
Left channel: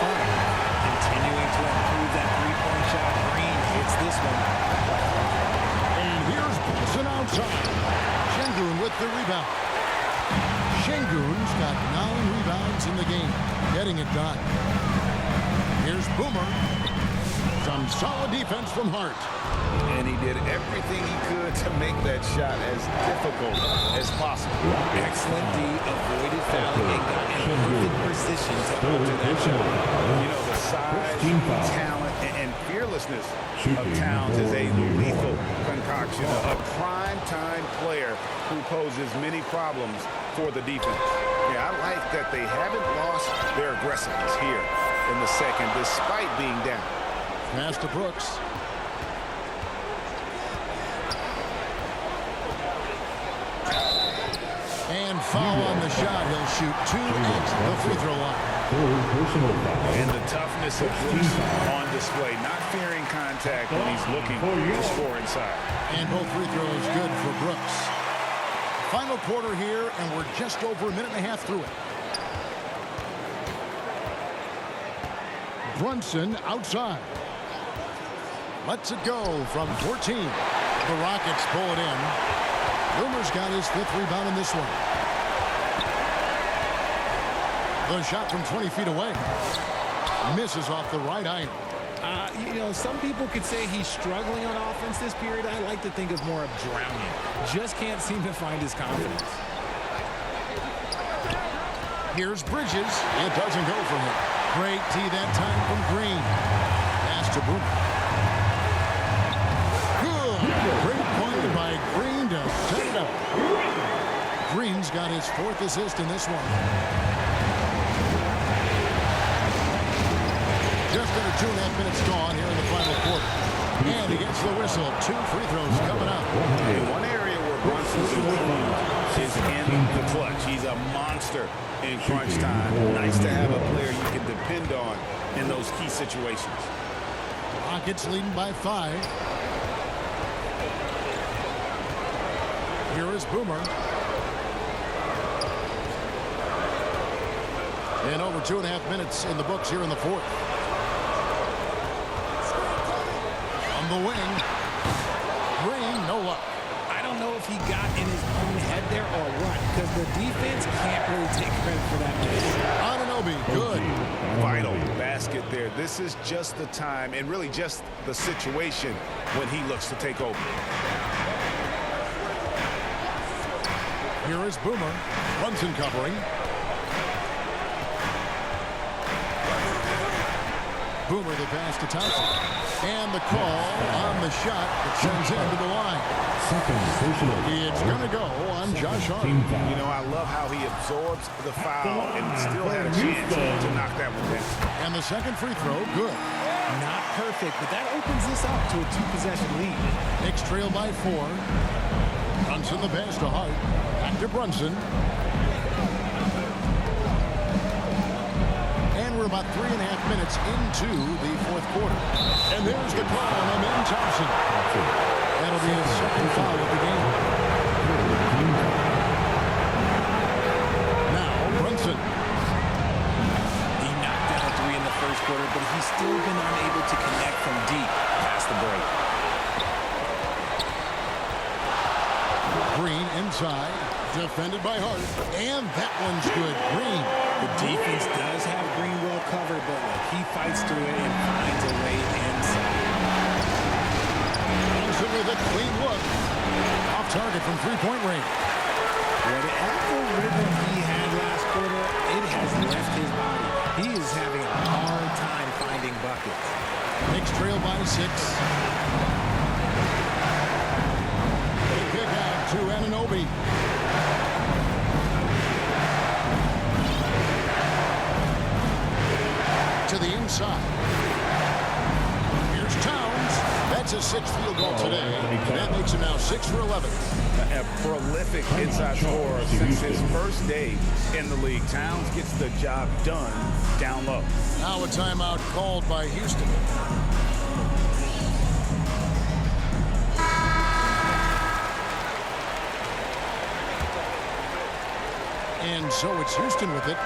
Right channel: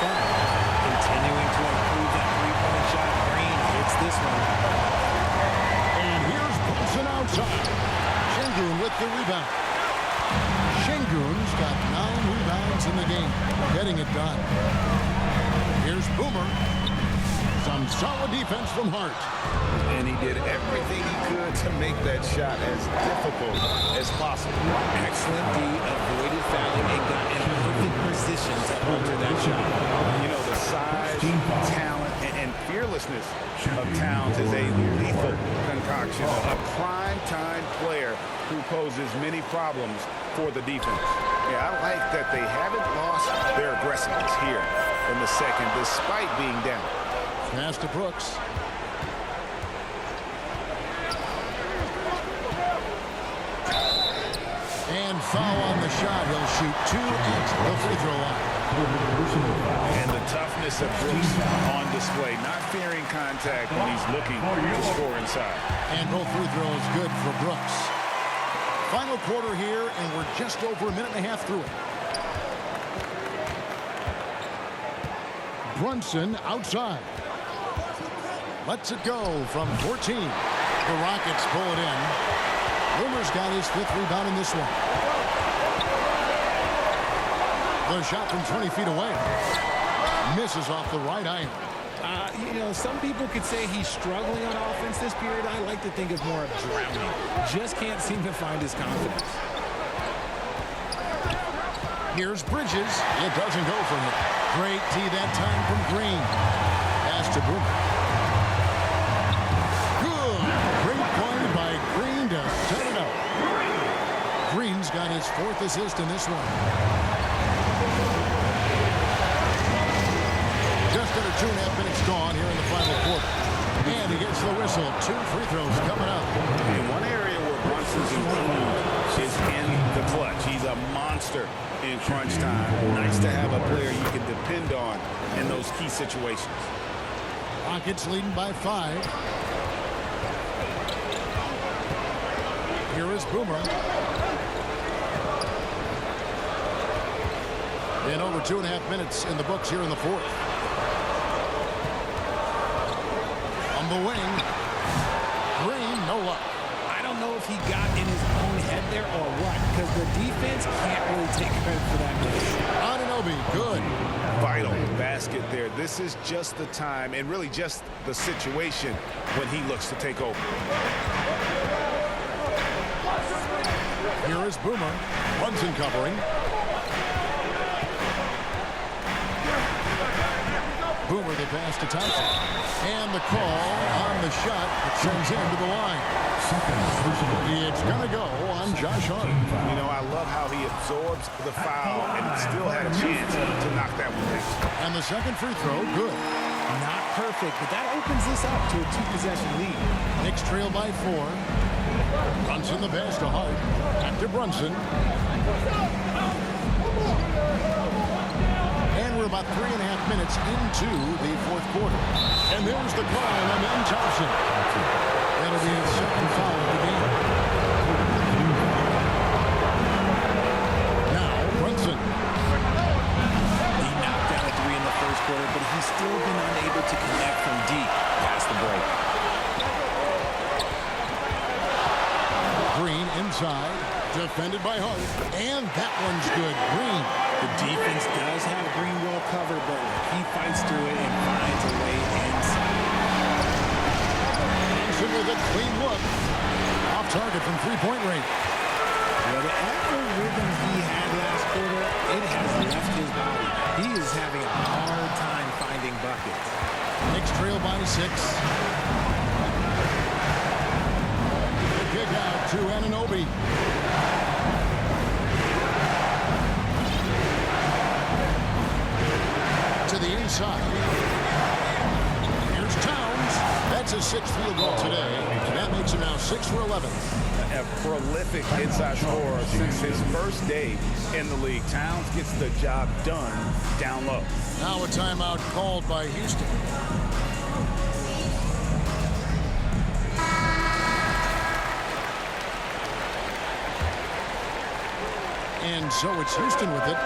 Continuing to improve that three-point shot. Green hits this one. And here's Brunson outside. Şengün with the rebound. Şengün's got 9 rebounds in the game, getting it done. Here's Boomer. Some solid defense from Hart. And he did everything he could to make that shot as difficult as possible. Excellent D, avoided fouling and got in a perfect position to alter that shot. You know, the size, talent, and fearlessness of Towns is a lethal concoction. A prime-time player who poses many problems for the defense. Yeah, I like that they haven't lost their aggressiveness here in the second, despite being down. Pass to Brooks. And foul on the shot. He'll shoot 2 at the free throw line. And the toughness of Brooks on display, not fearing contact when he's looking to score inside. And both free throws good for Brooks. Final quarter here, and we're just over a minute and a half through it. Brunson outside. Lets it go from 14. The Rockets pull it in. Boomer's got his 5th rebound in this one. The shot from 20 feet away. Misses off the right iron. You know, some people could say he's struggling on offense this period. I like to think of more of drowning. Just can't seem to find his confidence. Here's Bridges. It doesn't go for him. Great D that time from Green. Pass to Boomer. Good. Great play by Green to set it up. Green's got his 4th assist in this one. Just under 2.5 minutes gone here in the final quarter. And he gets the whistle. 2 free throws coming up. In one area where Brunson's improved is in the clutch. He's a monster in crunch time. Nice to have a player you can depend on in those key situations. Rockets leading by 5. Here is Boomer. And over 2.5 minutes in the books here in the fourth. On the wing, Green, no luck. I don't know if he got in his own head there or what, because the defense can't really take credit for that miss. Anunoby, good. Vital basket there. This is just the time and really just the situation when he looks to take over. Here is Boomer. Brunson covering. Boomer the pass to Thompson. And the call on the shot that sends him to the line. It's going to go on Josh Hart. You know, I love how he absorbs the foul and still had a chance to knock that one down. And the second free throw, good. Not perfect, but that opens this up to a 2-possession lead. Knicks trail by 4. Brunson the pass to Hart. Back to Brunson. And we're about 3.5 minutes into the fourth quarter. And there's the call on Amen Thompson. That'll be his second foul of the game. Now Brunson. He knocked down a 3 in the first quarter, but he's still been unable to connect from deep past the break. Green inside, defended by Hart, and that one's good. Green. The defense does have Green well covered, but look, he fights through it and finds a way inside. Brunson with a clean look. Off target from three-point range. Whatever rhythm he had last quarter, it has left his body. He is having a hard time finding buckets. Knicks trail by 6. The kick out to Anunoby. To the inside. Here's Towns. That's his 6th field goal today. And that makes him now 6 for 11. A prolific inside scorer since his first day in the league. Towns gets the job done down low. Now a timeout called by Houston. And so it's Houston with it.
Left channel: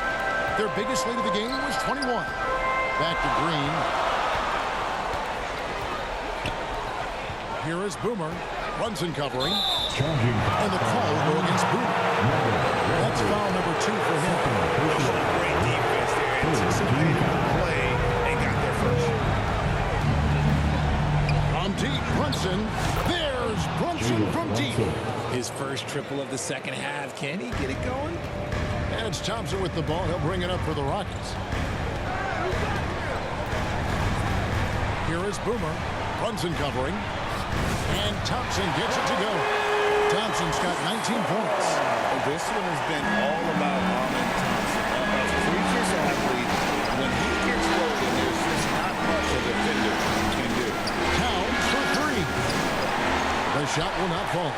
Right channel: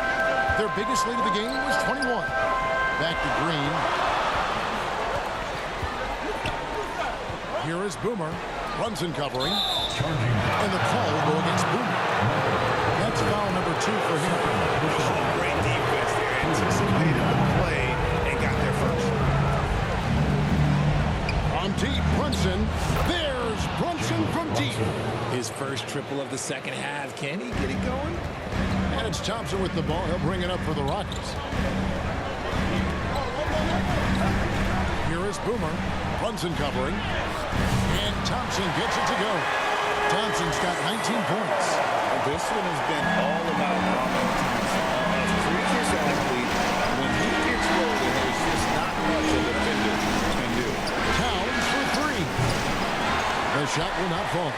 Their biggest lead of the game was 21. Back to Green. Here is Boomer. Brunson covering. And the call will go against Boomer. That's foul number 2 for him. Oh, great defense there. Anticipated the play and got there first. From deep, Brunson. There's Brunson from deep. His first triple of the second half. Can he get it going? And it's Thompson with the ball. He'll bring it up for the Rockets. Here is Boomer. Brunson covering. And Thompson gets it to go. Thompson's got 19 points. This one has been all about Amen Thompson. A freakish athlete. When he gets rolling, there's just not much a defender can do. Towns for 3. The shot will not fall.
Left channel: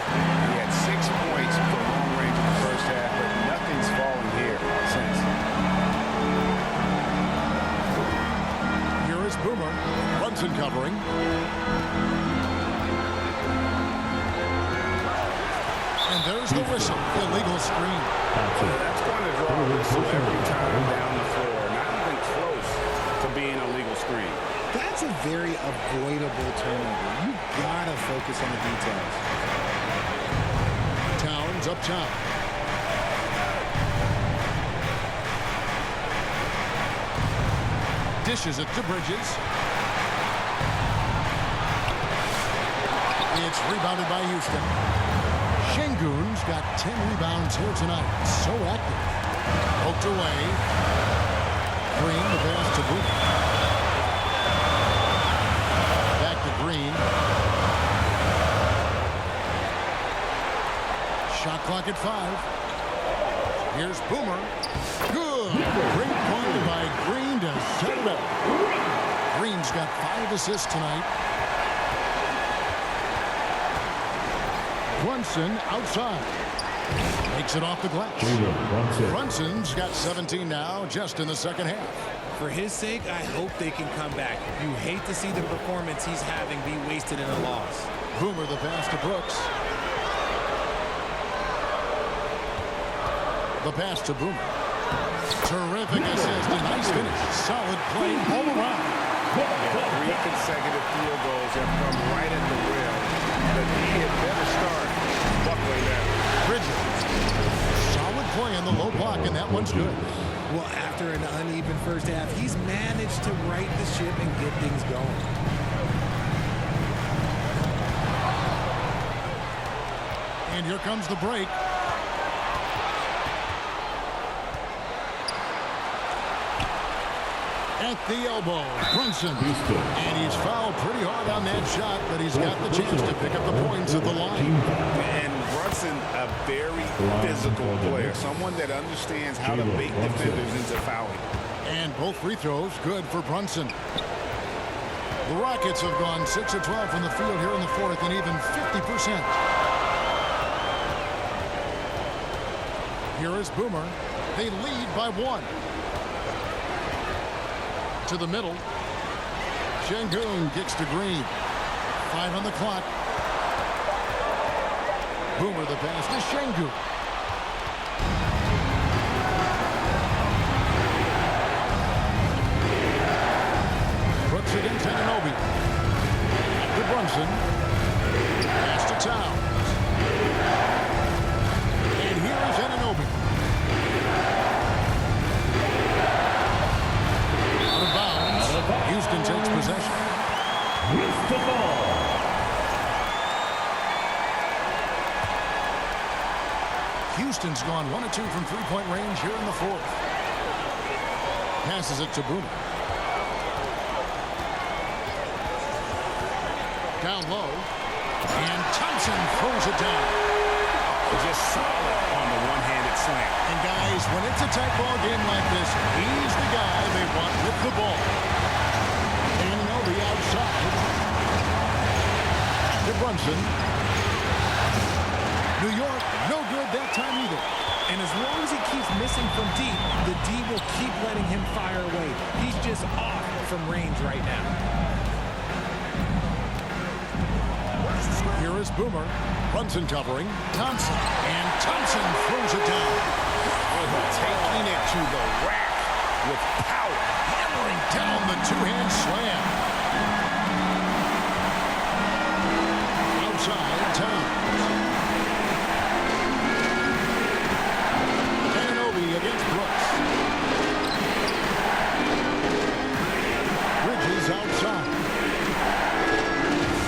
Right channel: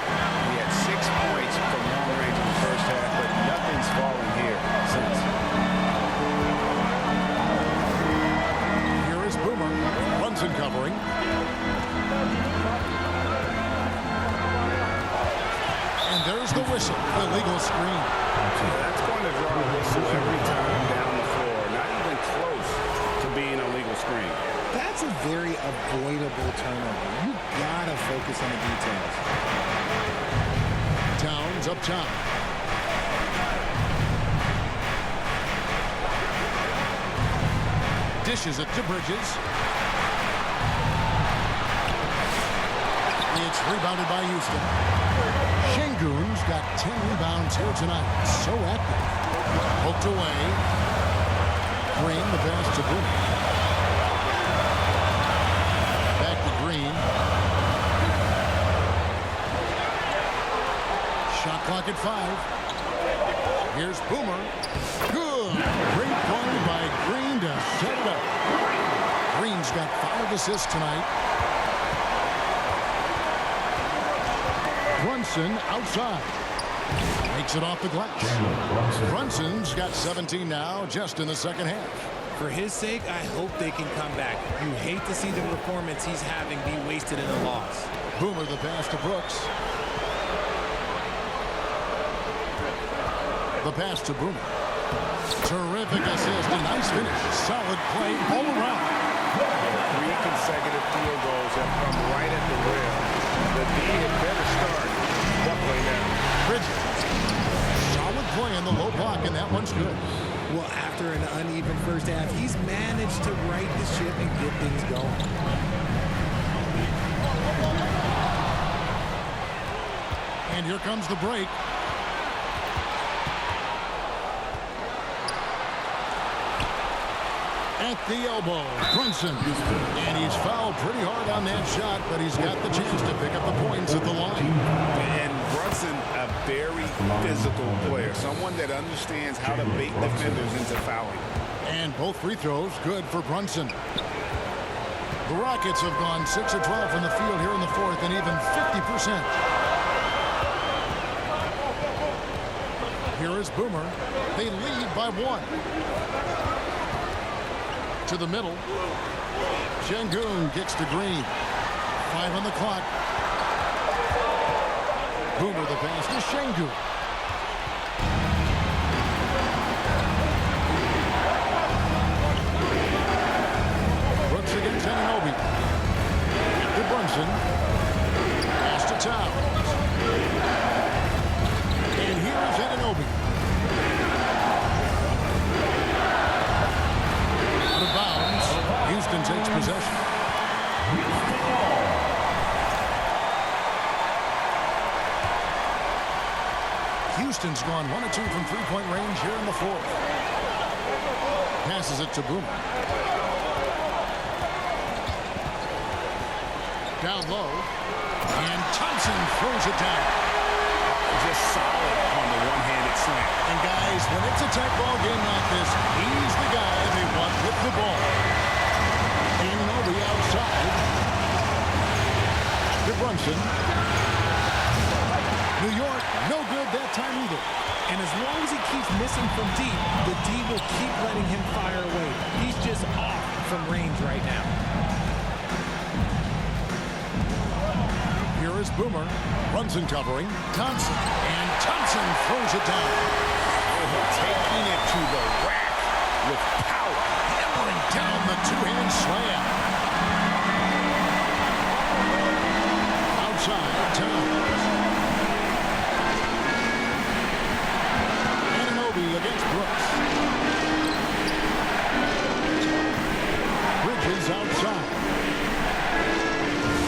He had 6 points from long range in the first half, but nothing's fallen here since. Here is Boomer. Brunson covering. And there's the whistle. Illegal screen. That's going to draw a whistle every time down the floor. Not even close to being a legal screen. That's a very avoidable turnover. You gotta focus on the details. Towns up top. Dishes it to Bridges. It's rebounded by Houston. Şengün's got 10 rebounds here tonight. So active. Poked away. Green, the pass to Boomer. Back to Green. Shot clock at 5. Here's Boomer. Good. Great play by Green to set it up. Green's got 5 assists tonight. Brunson outside. Makes it off the glass. Brunson's got 17 now just in the second half. For his sake, I hope they can come back. You hate to see the performance he's having be wasted in a loss. Boomer the pass to Brooks. The pass to Boomer. Terrific assist, a nice finish. Solid play all around. Yeah, 3 consecutive field goals have come right at the rim. The D had better start buckling down. Bridges. Solid play in the low block, and that one's good. Well, after an uneven first half, he's managed to right the ship and get things going. And here comes the break. At the elbow, Brunson. And he's fouled pretty hard on that shot, but he's got the chance to pick up the points at the line. And Brunson, a very physical player, someone that understands how to bait defenders into fouling. And both free throws good for Brunson. The Rockets have gone 6 of 12 from the field here in the fourth, and even 50%. Here is Boomer. They lead by 1. To the middle. Şengün kicks to Green. 5 on the clock. Boomer the pass to Şengün. Brooks against Anunoby. To Brunson. Pass to Towns. And here is Anunoby. Out of bounds. Houston takes possession. Houston's gone 1 of 2 from three-point range here in the fourth. Passes it to Boomer. Down low. And Thompson throws it down. Just solid on the one-handed slam. And guys, when it's a tight ball game like this, he's the guy they want with the ball. Anunoby outside. To Brunson. New York, no good that time either. And as long as he keeps missing from deep, the D will keep letting him fire away. He's just off from range right now. Here is Boomer. Brunson covering. Thompson. And Thompson throws it down. Taking it to the rack with power. Hammering down the two-hand slam. Outside, Towns. Anunoby against Brooks. Bridges outside.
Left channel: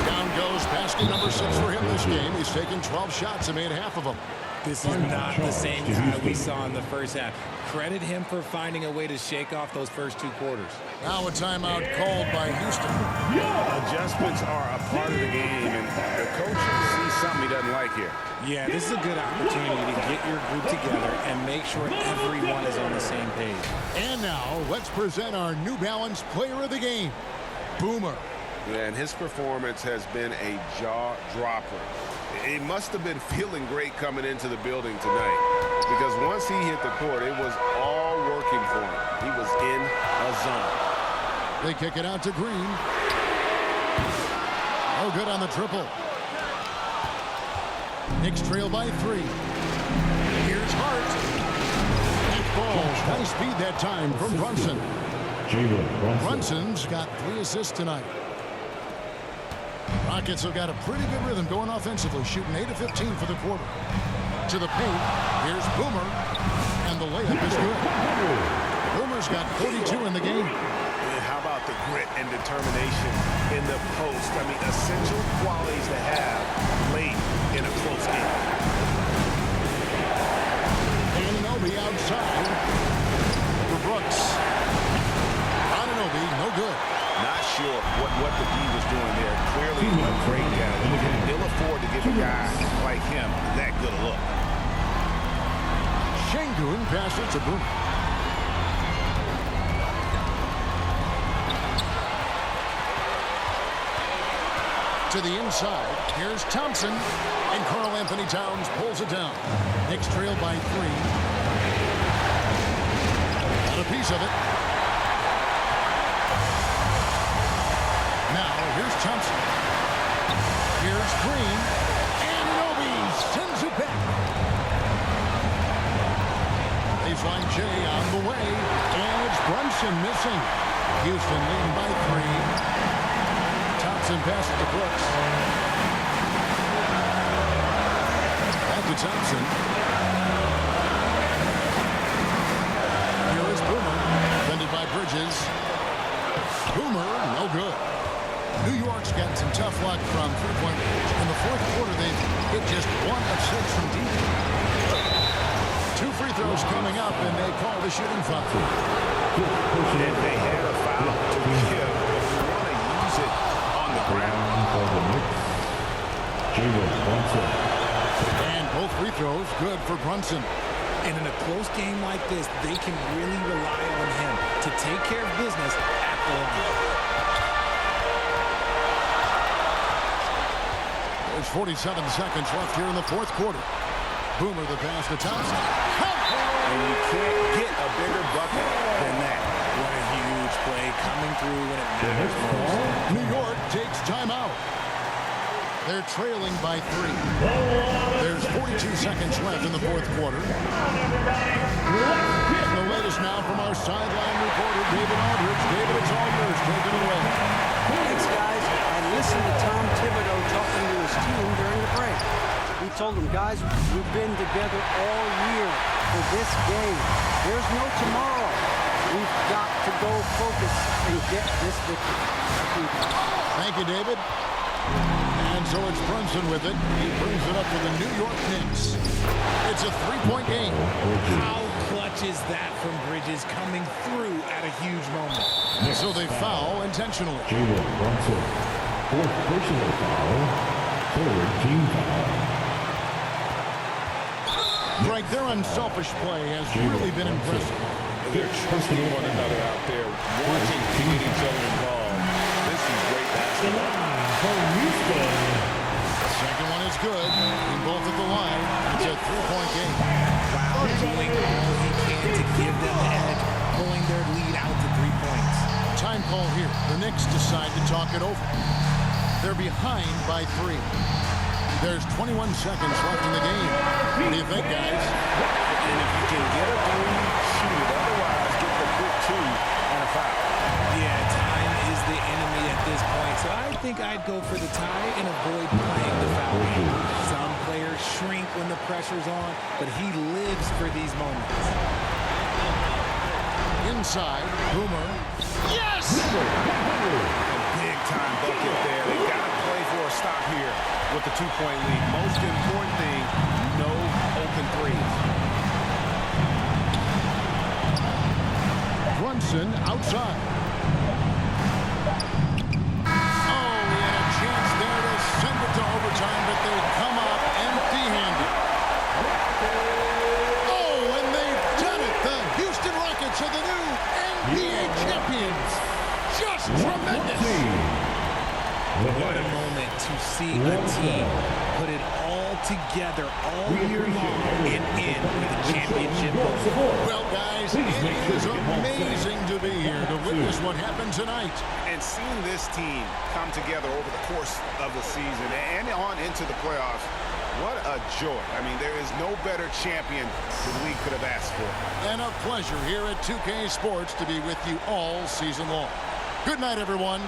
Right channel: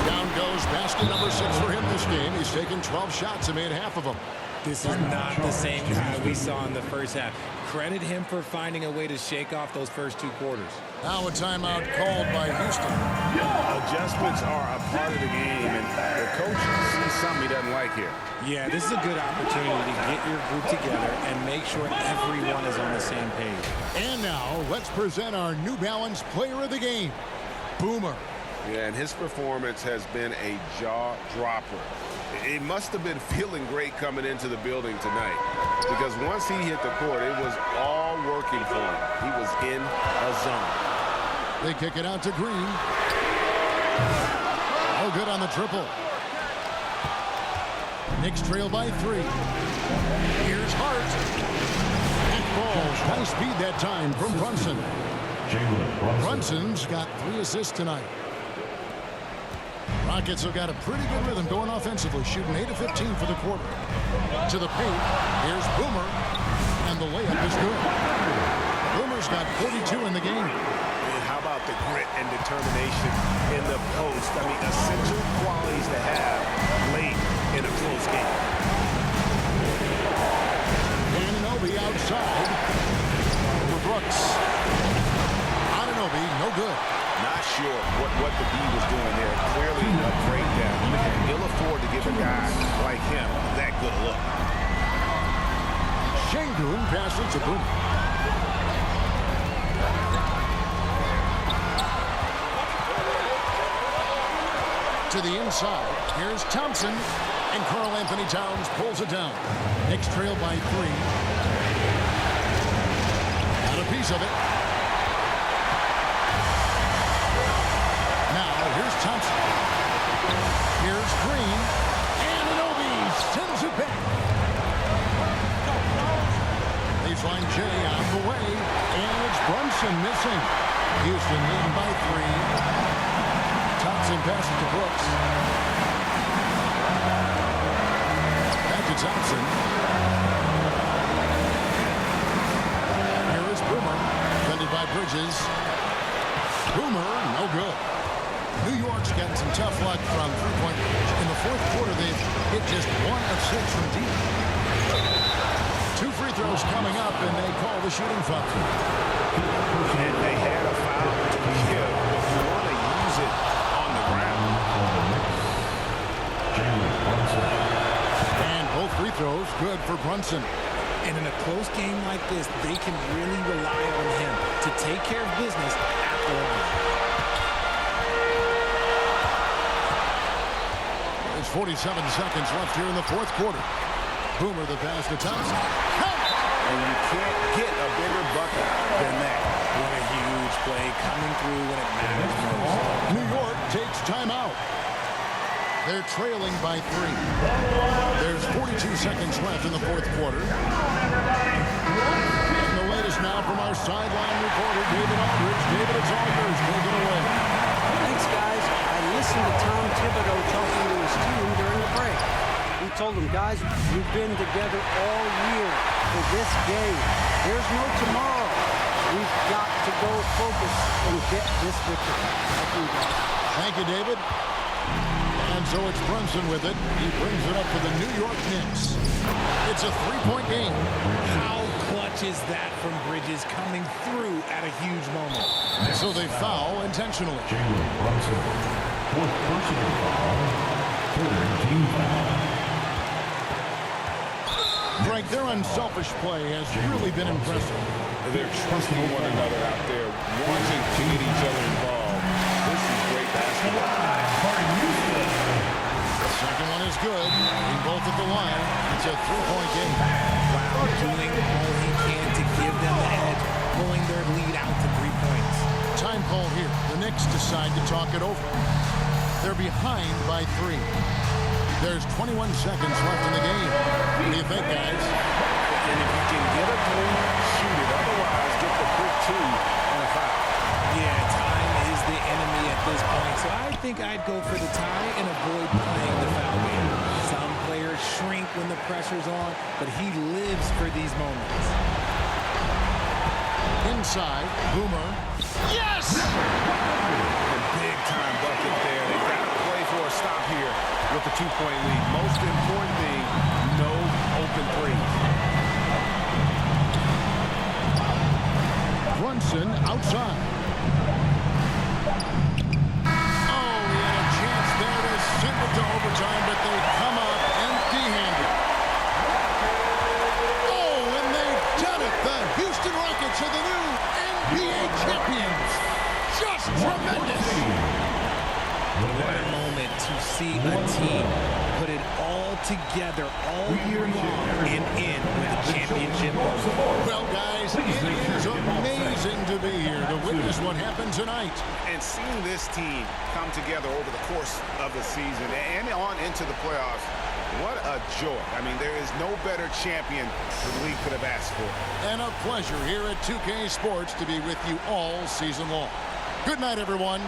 Down goes basket number 6 for him this game. He's taken 12 shots and made half of them. This is not the same guy we saw in the first half. Credit him for finding a way to shake off those first 2 quarters. Now a timeout called by Houston. Adjustments are a part of the game, and the coach sees something he doesn't like here. Yeah, this is a good opportunity to get your group together and make sure everyone is on the same page. And now let's present our New Balance player of the game, Boomer. Yeah, and his performance has been a jaw-dropper. He must have been feeling great coming into the building tonight, because once he hit the court, it was all working for him. He was in a zone. They kick it out to Green. Oh, good on the triple. Knicks trail by 3. Here's Hart. Back ball. Nice speed that time from Brunson. Brunson's got 3 assists tonight. Rockets have got a pretty good rhythm going offensively, shooting 8 of 15 for the quarter. To the paint, here's Boomer, and the layup is good. Boomer's got 42 in the game. And how about the grit and determination in the post? I mean, essential qualities to have late in a close game. Anunoby outside. Over Brooks. Anunoby, no good. Not sure what the D was doing there. Clearly a breakdown. You can ill afford to give a guy like him that good a look. Şengün passes to Boomer. To the inside. Here's Thompson. And Karl Anthony Towns pulls it down. Knicks trail by 3. Got a piece of it. Now, here's Thompson. Here's Green. And Anunoby sends it back. Baseline J on the way. And it's Brunson missing. Houston leading by 3. Thompson passes to Brooks. Back to Thompson. Here is Boomer. Defended by Bridges. Boomer, no good. New York's gotten some tough luck from three-point range. In the fourth quarter, they've hit just 1 of 6 from deep. 2 free throws coming up, and they call the shooting foul. And they had a foul to give, but you want to use it on the ground. And both free throws good for Brunson. And in a close game like this, they can really rely on him to take care of business at the line. There's 47 seconds left here in the fourth quarter. Boomer the pass to Thompson. And you can't get a bigger bucket than that. What a huge play coming through when it matters most. New York takes timeout. They're trailing by 3. There's 42 seconds left in the fourth quarter. And the latest now from our sideline reporter, David Aldridge. David, it's all yours. Take it away. Thanks, guys. I listened to Tom Thibodeau talking to his team during the break. He told them, guys, we've been together all year for this game. There's no tomorrow. We've got to go focus and get this victory. Thank you, guys. Thank you, David. And so it's Brunson with it. He brings it up for the New York Knicks. It's a 3-point game. How clutch is that from Bridges coming through at a huge moment? And so they foul intentionally. Jalen Brunson, 4th personal foul, 3rd team foul. Frank, their unselfish play has really been impressive. They're trusting one another out there, wanting to get each other involved. This is great basketball. The second one is good. In both at the line. It's a 3-point game. Wow, doing all he can to give them the edge, pulling their lead out to 3 points. Time call here. The Knicks decide to talk it over. They're behind by 3. There's 21 seconds left in the game. What do you think, guys? And if you can get a 3, shoot it. Otherwise, get the quick 2 and a foul. Yeah, time is the enemy at this point, so I think I'd go for the tie and avoid playing the foul game. Some players shrink when the pressure's on, but he lives for these moments. Inside, Boomer. Yes! And big-time bucket there. They've got to play for a stop here with the 2-point lead. Most important thing, no open threes. Brunson outside. Oh, he had a chance there to send it to overtime, but they come up empty-handed. Oh, and they've done it. The Houston Rockets are the new NBA champions. Just tremendous. What a moment to see a team put it all together all year long and end with a championship moment. Well, guys, it is amazing to be here to witness what happened tonight. And seeing this team come together over the course of the season and on into the playoffs, what a joy. I mean, there is no better champion the league could have asked for. And a pleasure here at 2K Sports to be with you all season long. Good night, everyone.